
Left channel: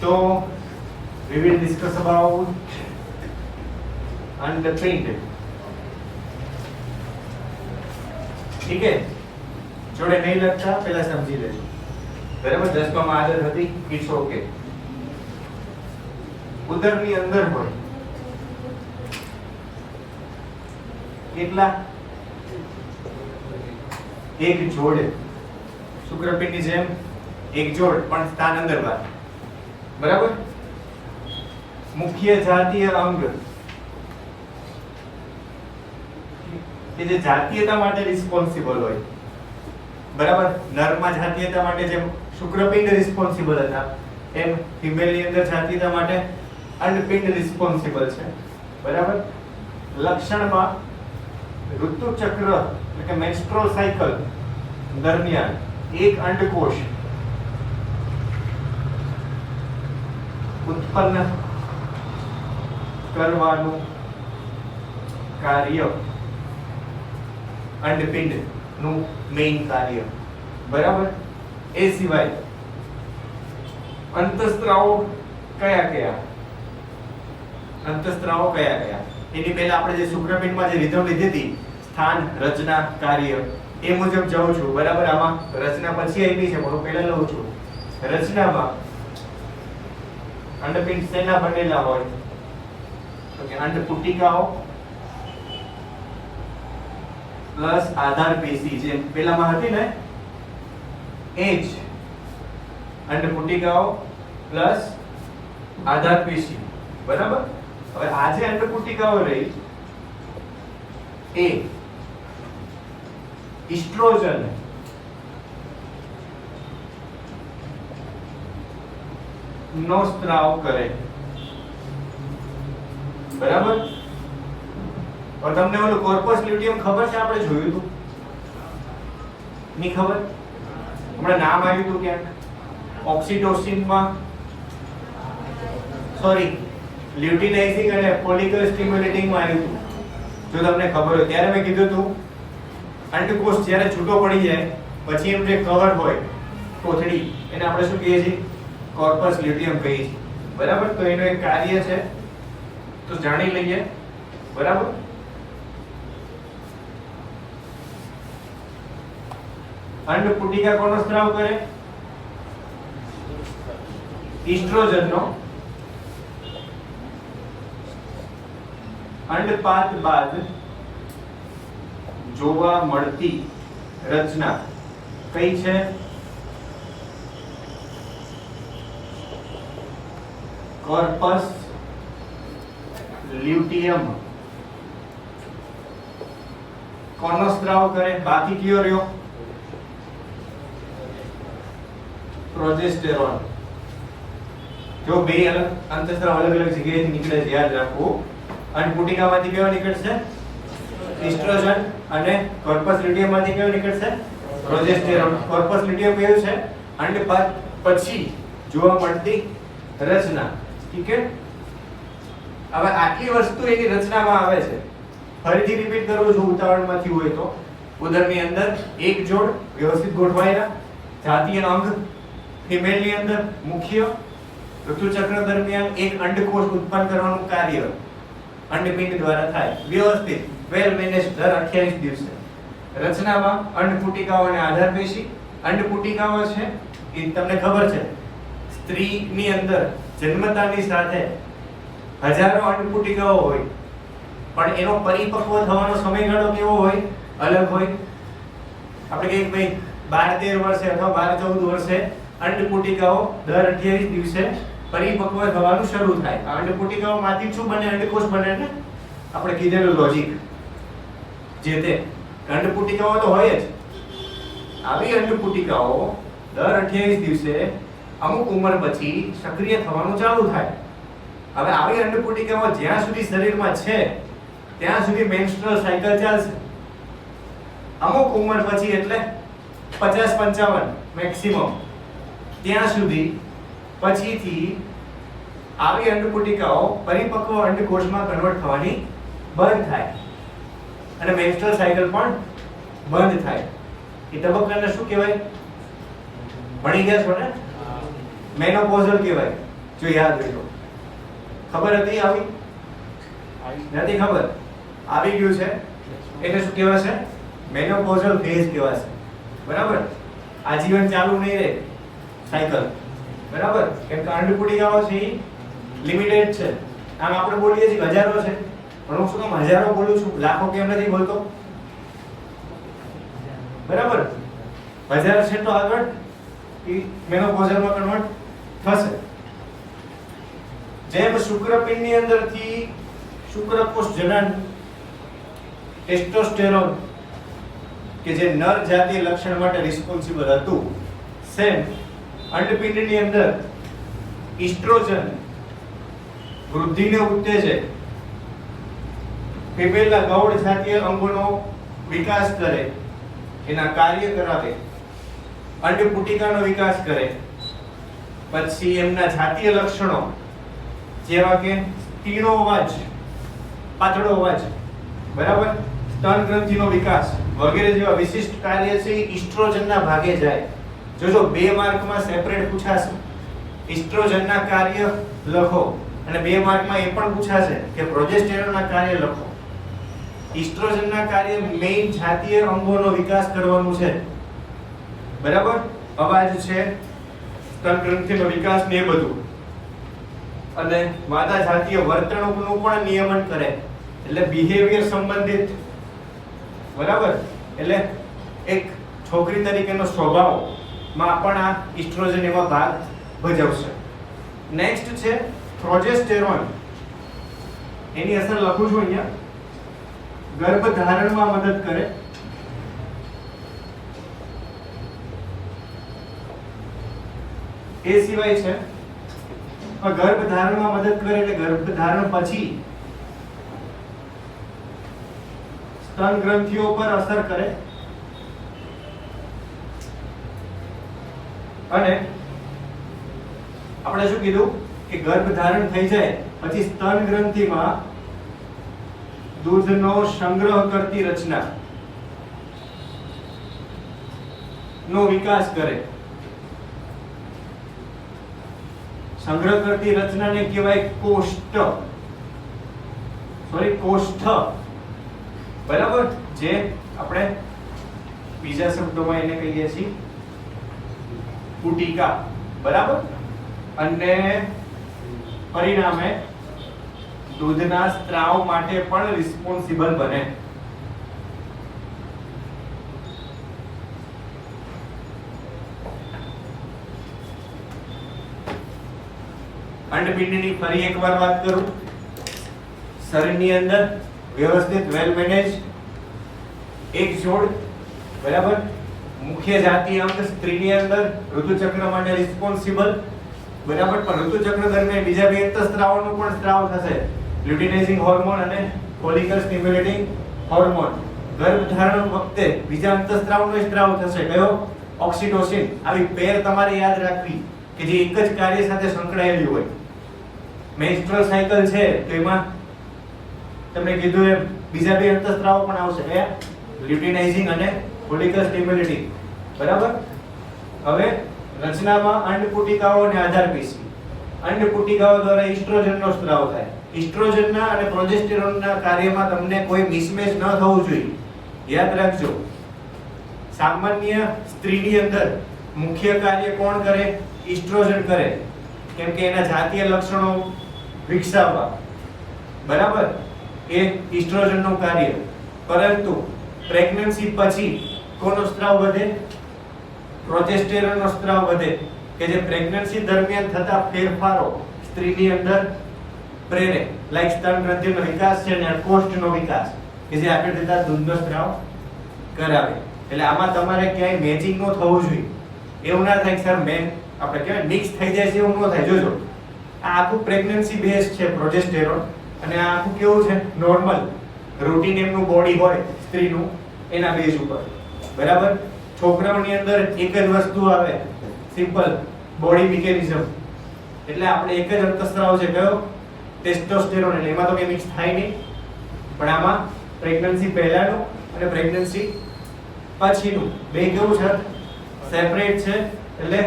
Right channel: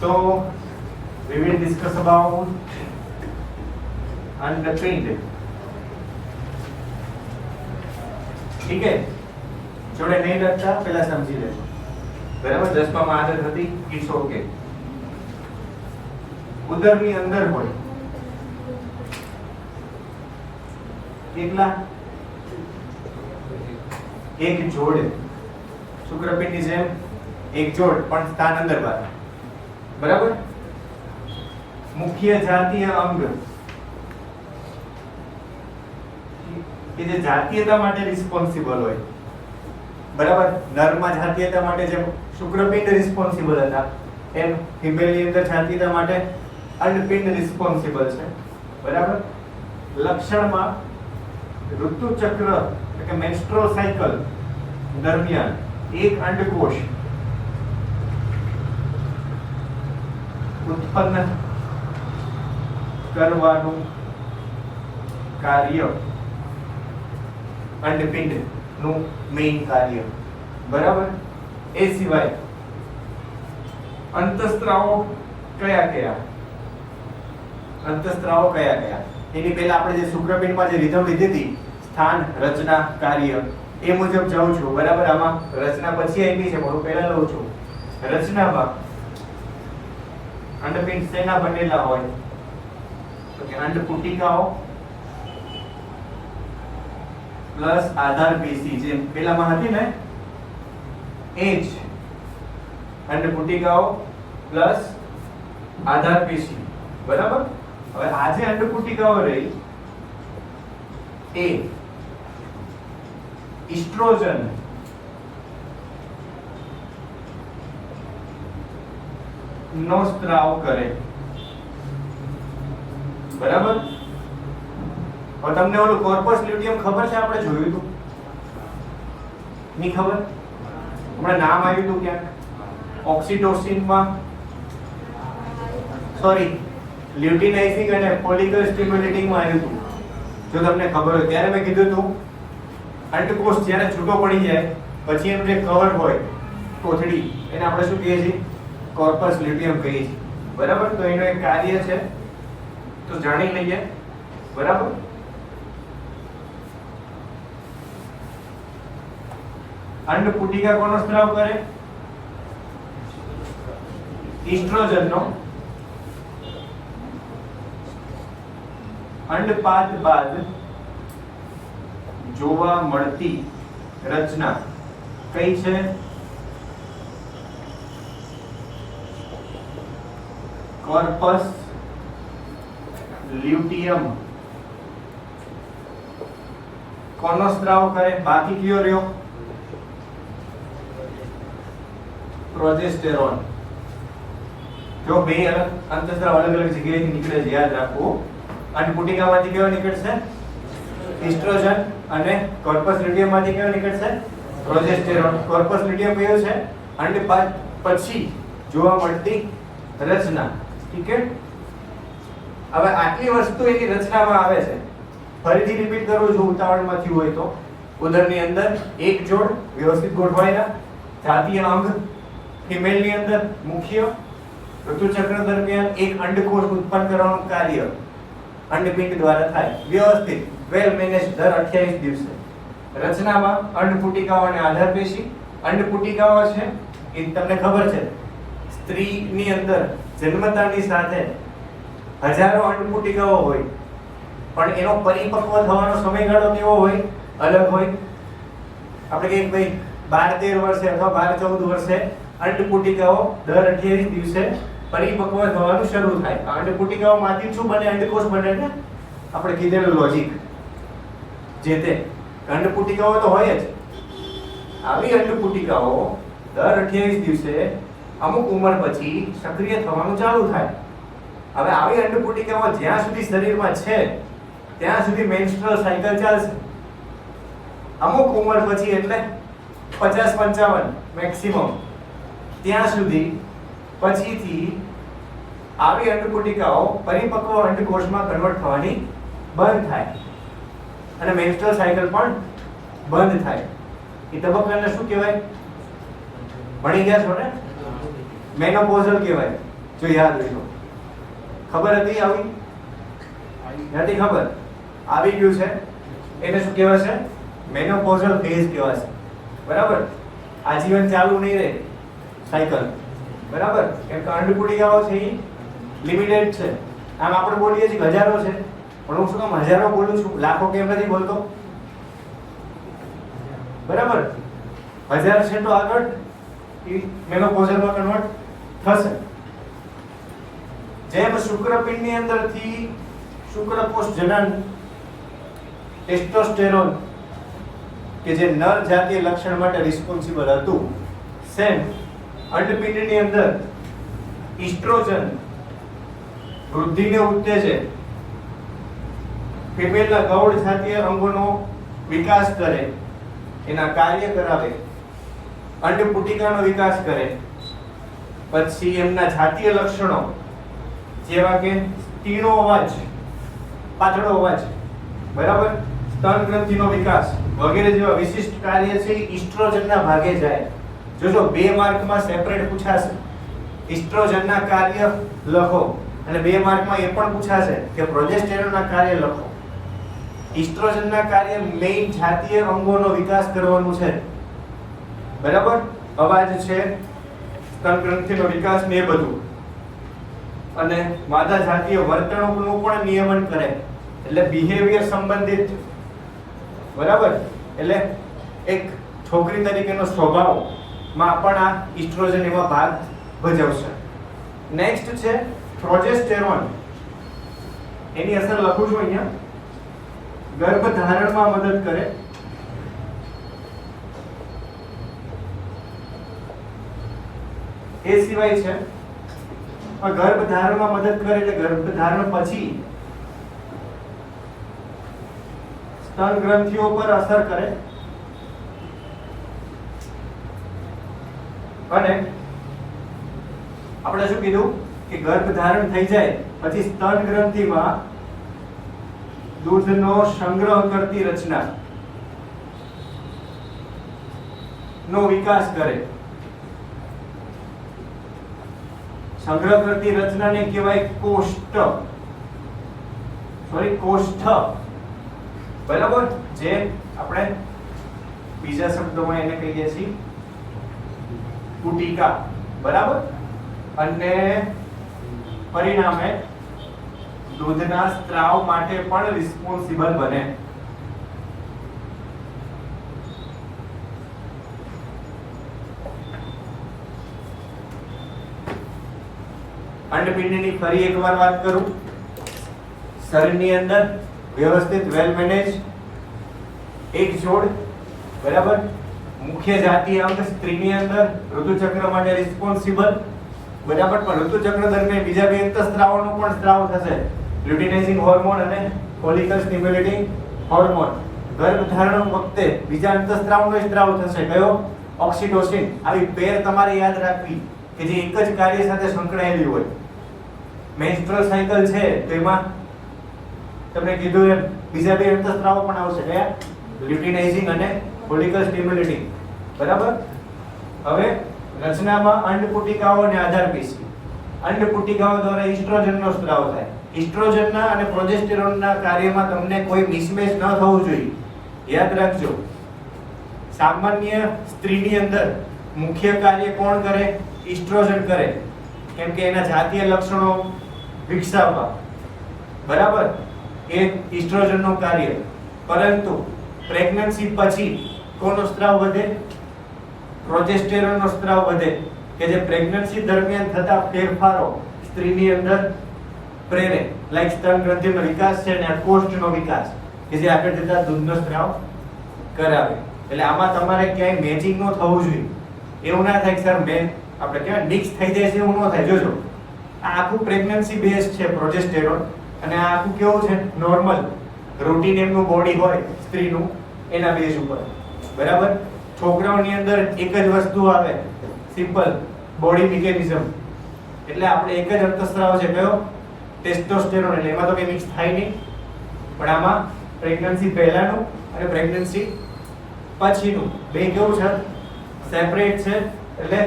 तो we will discuss about underpinned. ठीक है, જોડે નહીં લખતા પહેલા સમજી લેજો. બરાબર, 10 માં આદત હતી, ઇટ્સ ઓકે. ઉદરની અંદર હોય કેટલા? એક જોડ, શુક્રપિંડની જેમ એક જોડ પણ સ્થાન અંદર બહાર. બરાબર. મુખ્ય જાતીય અંગ કે જે જાતીયતા માટે રિસ્પોન્સિબલ હોય. બરાબર, નરમાં જાતીયતા માટે જેમ શુક્રપિંડ રિસ્પોન્સિબલ હતા એમ ફિમેલની અંદર જાતીયતા માટે અંડપિંડ રિસ્પોન્સિબલ છે. બરાબર. લક્ષણમાં ઋતુચક્ર એટલે કે મેન્સ્ટ્રુઅલ સાયકલ દરમિયાન એક અંડકોષ ઉત્પન્ન કરવાનું કાર્ય અંડપિંડ નું મેઇન કાર્ય. બરાબર. એ સિવાય અંતઃસ્ત્રાવો કયા કયા? અંતઃસ્ત્રાવો કયા કયા? એની પહેલા આપણે જે શુક્રપિંડમાં જે રીધમ લીધી હતી, સ્થાન, રચના, કાર્ય, એ મુજબ જાઉં છું. બરાબર. આમાં રચના પછી આવી છે, હું પહેલા લઉં છું. રચનામાં અંડપિંડ શેના બનેલા હોય? તો કે અંડપુટિકાઓ પ્લસ આધાર પેશી, જે પેલામાં હતી ને એ જ અંડપુટિકાઓ પ્લસ આધાર પેશી. બરાબર. હવે આ જે અંડપુટિકાઓ રહી એ ઇસ્ટ્રોજન નો સ્ત્રાવ કરે. બરાબર. હવે તમને ઓલું કોર્પસ લ્યુટિયમ ખબર છે? આપણે જોયું હતું, ની ખબર? હમણાં નામ આવ્યું હતું ક્યાંક ઓક્સિટોસિનમાં, સોરી લ્યુટિનાઇઝિંગ અને ફોલિકલ સ્ટિમ્યુલેટિંગ માં આવ્યું હતું. જો તમને ખબર હોય ત્યારે મેં કીધું હતું અંડકોષ જ્યારે છૂટો પડી જાય પછી એનું જે કવર હોય કોથળી, એને આપણે શું કહીએ છીએ? કોર્પસ લ્યુટિયમ કહીએ છીએ. બરાબર. તો એનું એક કાર્ય છે, તો જાણી લઈએ. બરાબર. અંડપુટિકા કોનો સ્ત્રાવ કરે? ઇસ્ટ્રોજનનો. અંડપાત બાદ જોવા મળતી રચના કઈ છે? Corpus luteum. કોનો સ્ત્રાવ કરે? બાકી કયો રહ્યો? પ્રોજેસ્ટેરોન. જો બે અંતઃસ્ત્રાવ અલગ અલગ જગ્યાએથી નીકળે છે, યાદ રાખવું. અંડપુટિકામાંથી કયો નીકળશે? ઇસ્ટ્રોજન. અને કોર્પસ લ્યુટિયમ માંથી કયો નીકળશે? પ્રોજેસ્ટેરોન. કોર્પસ લ્યુટિયમ કયો છે? અંડપાત પછી જોવા મળતી રચના. ઠીક છે. હવે આટલી વસ્તુ એની રચનામાં આવે છે. ફરીથી રિપીટ કરું છું ઉતાવળમાંથી હોય તો. ઉદરની અંદર એક જોડ વ્યવસ્થિત ગોઠવાયેલા જાતીય અંગ, ફિમેલની અંદર મુખ્ય, ઋતુચક્ર દરમિયાન એક અંડકોષ ઉત્પન્ન કરવાનું કાર્ય અંડપિંડ દ્વારા થાય. વ્યવસ્થિત વેલ મેનેજ દર 28 દિવસે. રચનામાં અંડપુટિકાઓ અને આધાર પેશી. અંડપુટિકાઓ છે એ તમને ખબર છે સ્ત્રીની અંદર જન્મતાની સાથે હજારો અંડપુટિકાઓ હોય, પણ એનો પરિપક્વ થવાનો સમયગાળો કેવો હોય? અલગ હોય. આપણે કહીએ ભાઈ 12-13 વર્ષે અથવા 12-14 વર્ષે અંડપુટિકાઓ દર 28 દિવસે પરિપક્વ થવાનું શરૂ થાય. અંડપુટિકાઓમાંથી શું બને? અંડકોષ બને. ને આપણે કીધેલું લોજિક જે તે અંડપુટિકાઓ તો હોય જ. આવી અંડપુટિકાઓ દર 28 દિવસે અમુક ઉંમર પછી સક્રિય થવાનું ચાલુ થાય. હવે આવી અંડપુટિકાઓ જ્યાં સુધી શરીરમાં છે ત્યાં સુધી મેન્સ્ટ્રુઅલ સાયકલ ચાલશે. અમુક ઉંમર પછી એટલે 50-55 મેક્સિમમ, ત્યાં સુધી પછીથી આવી અંડપુટિકાઓ પરિપક્વ અંડકોષમાં કન્વર્ટ થવાની બંધ થાય અને મેન્સ્ટ્રુઅલ સાયકલ પણ બંધ થાય. એ તબક્કાને શું કહેવાય? ભણી ગયા છો ને? મેનોપોઝલ કહેવાય. જો યાદ હોય તો. ખબર હતી આવી? નથી ખબર? આવી ગયું છે એને શું કહેવાય છે? મેનોપોઝલ ફેઝ કહેવાય છે. બરાબર? આજીવન ચાલુ નહીં રહે સાયકલ. બરાબર? કેમ કે અંડપુટિકાઓ છે એ લિમિટેડ છે. આમ આપણે બોલીએ છીએ હજારો છે, પણ હું શું કામ હજારો બોલું છું, લાખો કેમ નથી બોલતો? બરાબર? 1000 છે તો આગળ એ મેનોપોઝલમાં કન્વર્ટ થશે. જેમ શુક્રપિંડની અંદરથી શુક્રકોષ જનન ટેસ્ટોસ્ટેરોન કે જે નર જાતીય લક્ષણ માટે રિસ્પોન્સિબલ હતું, સેમ અંડપિંડની અંદર ઈસ્ટ્રોજન વૃદ્ધિને ઉત્તેજે, ફિમેલના ગૌણ જાતીય અંગોનો વિકાસ કરે, એના કાર્ય કરાવે, અંડપુટિકાનો વિકાસ કરે, પછી એમના જાતીય લક્ષણો જેવા કે તીણો અવાજ, પાતળો અવાજ, બરાબર, સ્તન ગ્રંથિનો વિકાસ વગેરે જેવા વિશિષ્ટ કાર્ય છે એ ઈસ્ટ્રોજનના ભાગે જાય. જોજો 2 માર્કમાં સેપરેટ પૂછાશે. ઈસ્ટ્રોજનના કાર્ય લખો અને 2 માર્કમાં એ પણ પૂછાશે કે પ્રોજેસ્ટેરોનના કાર્ય લખો. ઈસ્ટ્રોજનના કાર્ય મેઇન જાતીય અંગોનો વિકાસ કરવાનું છે. બરાબર? અવાજ છે, સ્તન ગ્રંથિનો વિકાસ ને એ બધું. અને માદા જાતીય વર્તણૂકનું પણ નિયમન કરે, એટલે બિહેવિયર સંબંધિત. બરાબર? એટલે એક છોકરી તરીકેનો સ્વભાવમાં પણ આ ઈસ્ટ્રોજન એવા ભાગ ભજવશે. નેક્સ્ટ છે પ્રોજેસ્ટેરોન. એની અસર લખું છું અહીંયા. ગર્ભધારણમાં મદદ કરે, એ સિવાય છે ગર્ભધારણમાં મદદ કરે એટલે ગર્ભધારણ પછી સ્તન ગ્રંથિઓ પર અસર કરે અને આપણે શું કીધું કે ગર્ભધારણ થઈ જાય પછી સ્તન ગ્રંથિમાં દૂધનો સંગ્રહ કરતી રચના નો વિકાસ કરે. સંગ્રહ કરતી રચનાને કહેવાય કોષ્ઠ. બરાબર? જે આપણે બીજા શબ્દોમાં એને કહીએ છીએ પુટિકા. બરાબર? અને પરિણામે દૂધના સ્ત્રાવ માટે પણ રિસ્પોન્સિબલ બને. અંડપિંડની ફરી એકવાર વાત કરું. શરીરની અંદર વ્યવસ્થિત વેલ મેનેજ એક જોડ, બરાબર, મુખ્ય જાતીય અંગ સ્ત્રીની અંદર ઋતુચક્ર માટે રિસ્પોન્સિબલ. બરાબર? પણ ઋતુચક્ર દરમિયાન બીજા બે અંતઃસ્ત્રાવનો પણ સ્ત્રાવ થશે, લ્યુટિનાઇઝિંગ હોર્મોન અને ફોલિકલ સ્ટિમ્યુલેટિંગ હોર્મોન. ગર્ભધારણ વખતે બીજા અંતઃસ્ત્રાવનો સ્ત્રાવ થશે. કયો? ઓક્સિટોસિન. આવી પેર તમારે યાદ રાખવી કે જે એક જ કાર્ય સાથે સંકળાયેલી હોય. મેન્સ્ટ્રુઅલ સાયકલ છે તો એમાં તમને કીધું એમ બીજા બે અંતઃસ્ત્રાવો પણ આવશે, કયા? લ્યુટિનાઇઝિંગ અને ફોલિકલ સ્ટિમ્યુલેટિંગ. બરાબર? હવે રચનામાં અંડપુટિકાઓ અને આધારપેશી. અંડપુટિકાઓ દ્વારા ઈસ્ટ્રોજનનો સ્ત્રાવ થાય. ઈસ્ટ્રોજનના અને પ્રોજેસ્ટેરોનના કાર્યમાં તમને કોઈ મિસમેચ ન થવું જોઈએ. યાદ રાખજો, સામાન્ય સ્ત્રીની અંદર મુખ્ય કાર્ય કોણ કરે? ઈસ્ટ્રોજન કરે, કેમ કે એના જાતીય લક્ષણો વિકસાવવા. બરાબર? એ ઈસ્ટ્રોજનનું કાર્ય. પરંતુ પ્રેગ્નન્સી પછી કોનો સ્ત્રાવ વધે? પ્રોજેસ્ટેરોનનો સ્ત્રાવ વધે, કે જે પ્રેગ્નન્સી દરમિયાન થતા ફેરફારો સ્ત્રીની અંદર પ્રેરે, લાઈક સ્તન ગ્રંથિનો વિકાસ છે અને કોષ્ઠનો વિકાસ, કે જે આગળ જતા દૂધનો સ્ત્રાવ કરાવે. એટલે આમાં તમારે ક્યાંય મેચિંગ ન થવું જોઈએ. એવું ના થાય કે સર આપણે કહેવાય મિક્સ થઈ જાય છે, એવું ન થાય. જોજો, આ આખું પ્રેગ્નન્સી બેઝ છે પ્રોજેસ્ટેરોન, અને આ આખું કેવું છે? નોર્મલ રૂટીન એમનું બોડી હોય સ્ત્રીનું, એના બેઝ ઉપર. બરાબર? છોકરાઓની અંદર એક જ વસ્તુ આવે, સિમ્પલ બોડી મિકેનિઝમ. એટલે આપણે એક જ અંતઃસ્ત્રાવ છે, કયો? ટેસ્ટોસ્ટેરોન. એટલે એમાં તો કઈ મિક્સ થાય નહીં. પણ આમાં પ્રેગ્નન્સી પહેલાનું અને પ્રેગ્નન્સી પછીનું બે કેવું છે? સેપરેટ છે. એટલે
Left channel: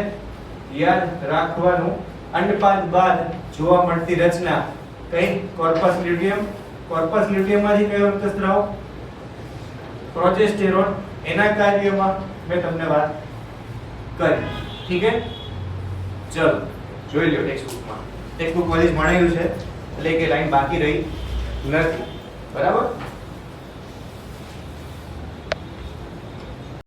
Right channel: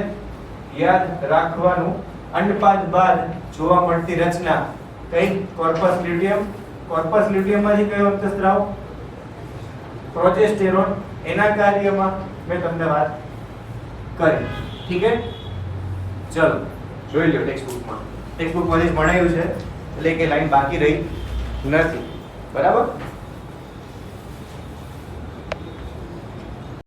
યાદ રાખવાનું અંડપાદ બાદ જોવા મળતી રચના કઈ કોર્પસ લ્યુટિયમ. કોર્પસ લ્યુટિયમમાંથી કયો રક્તસ્રાવ પ્રોજેસ્ટેરોન. એના કાર્યમાં મેં તમને વાત કરી. ઠીક છે, ચલો જોઈ લો ટેક્સ્ટબુકમાં. ટેક્સ્ટબુક બધી જ ભણેલું છે એટલે કે લાઈન બાકી રહી નથી. બરાબર.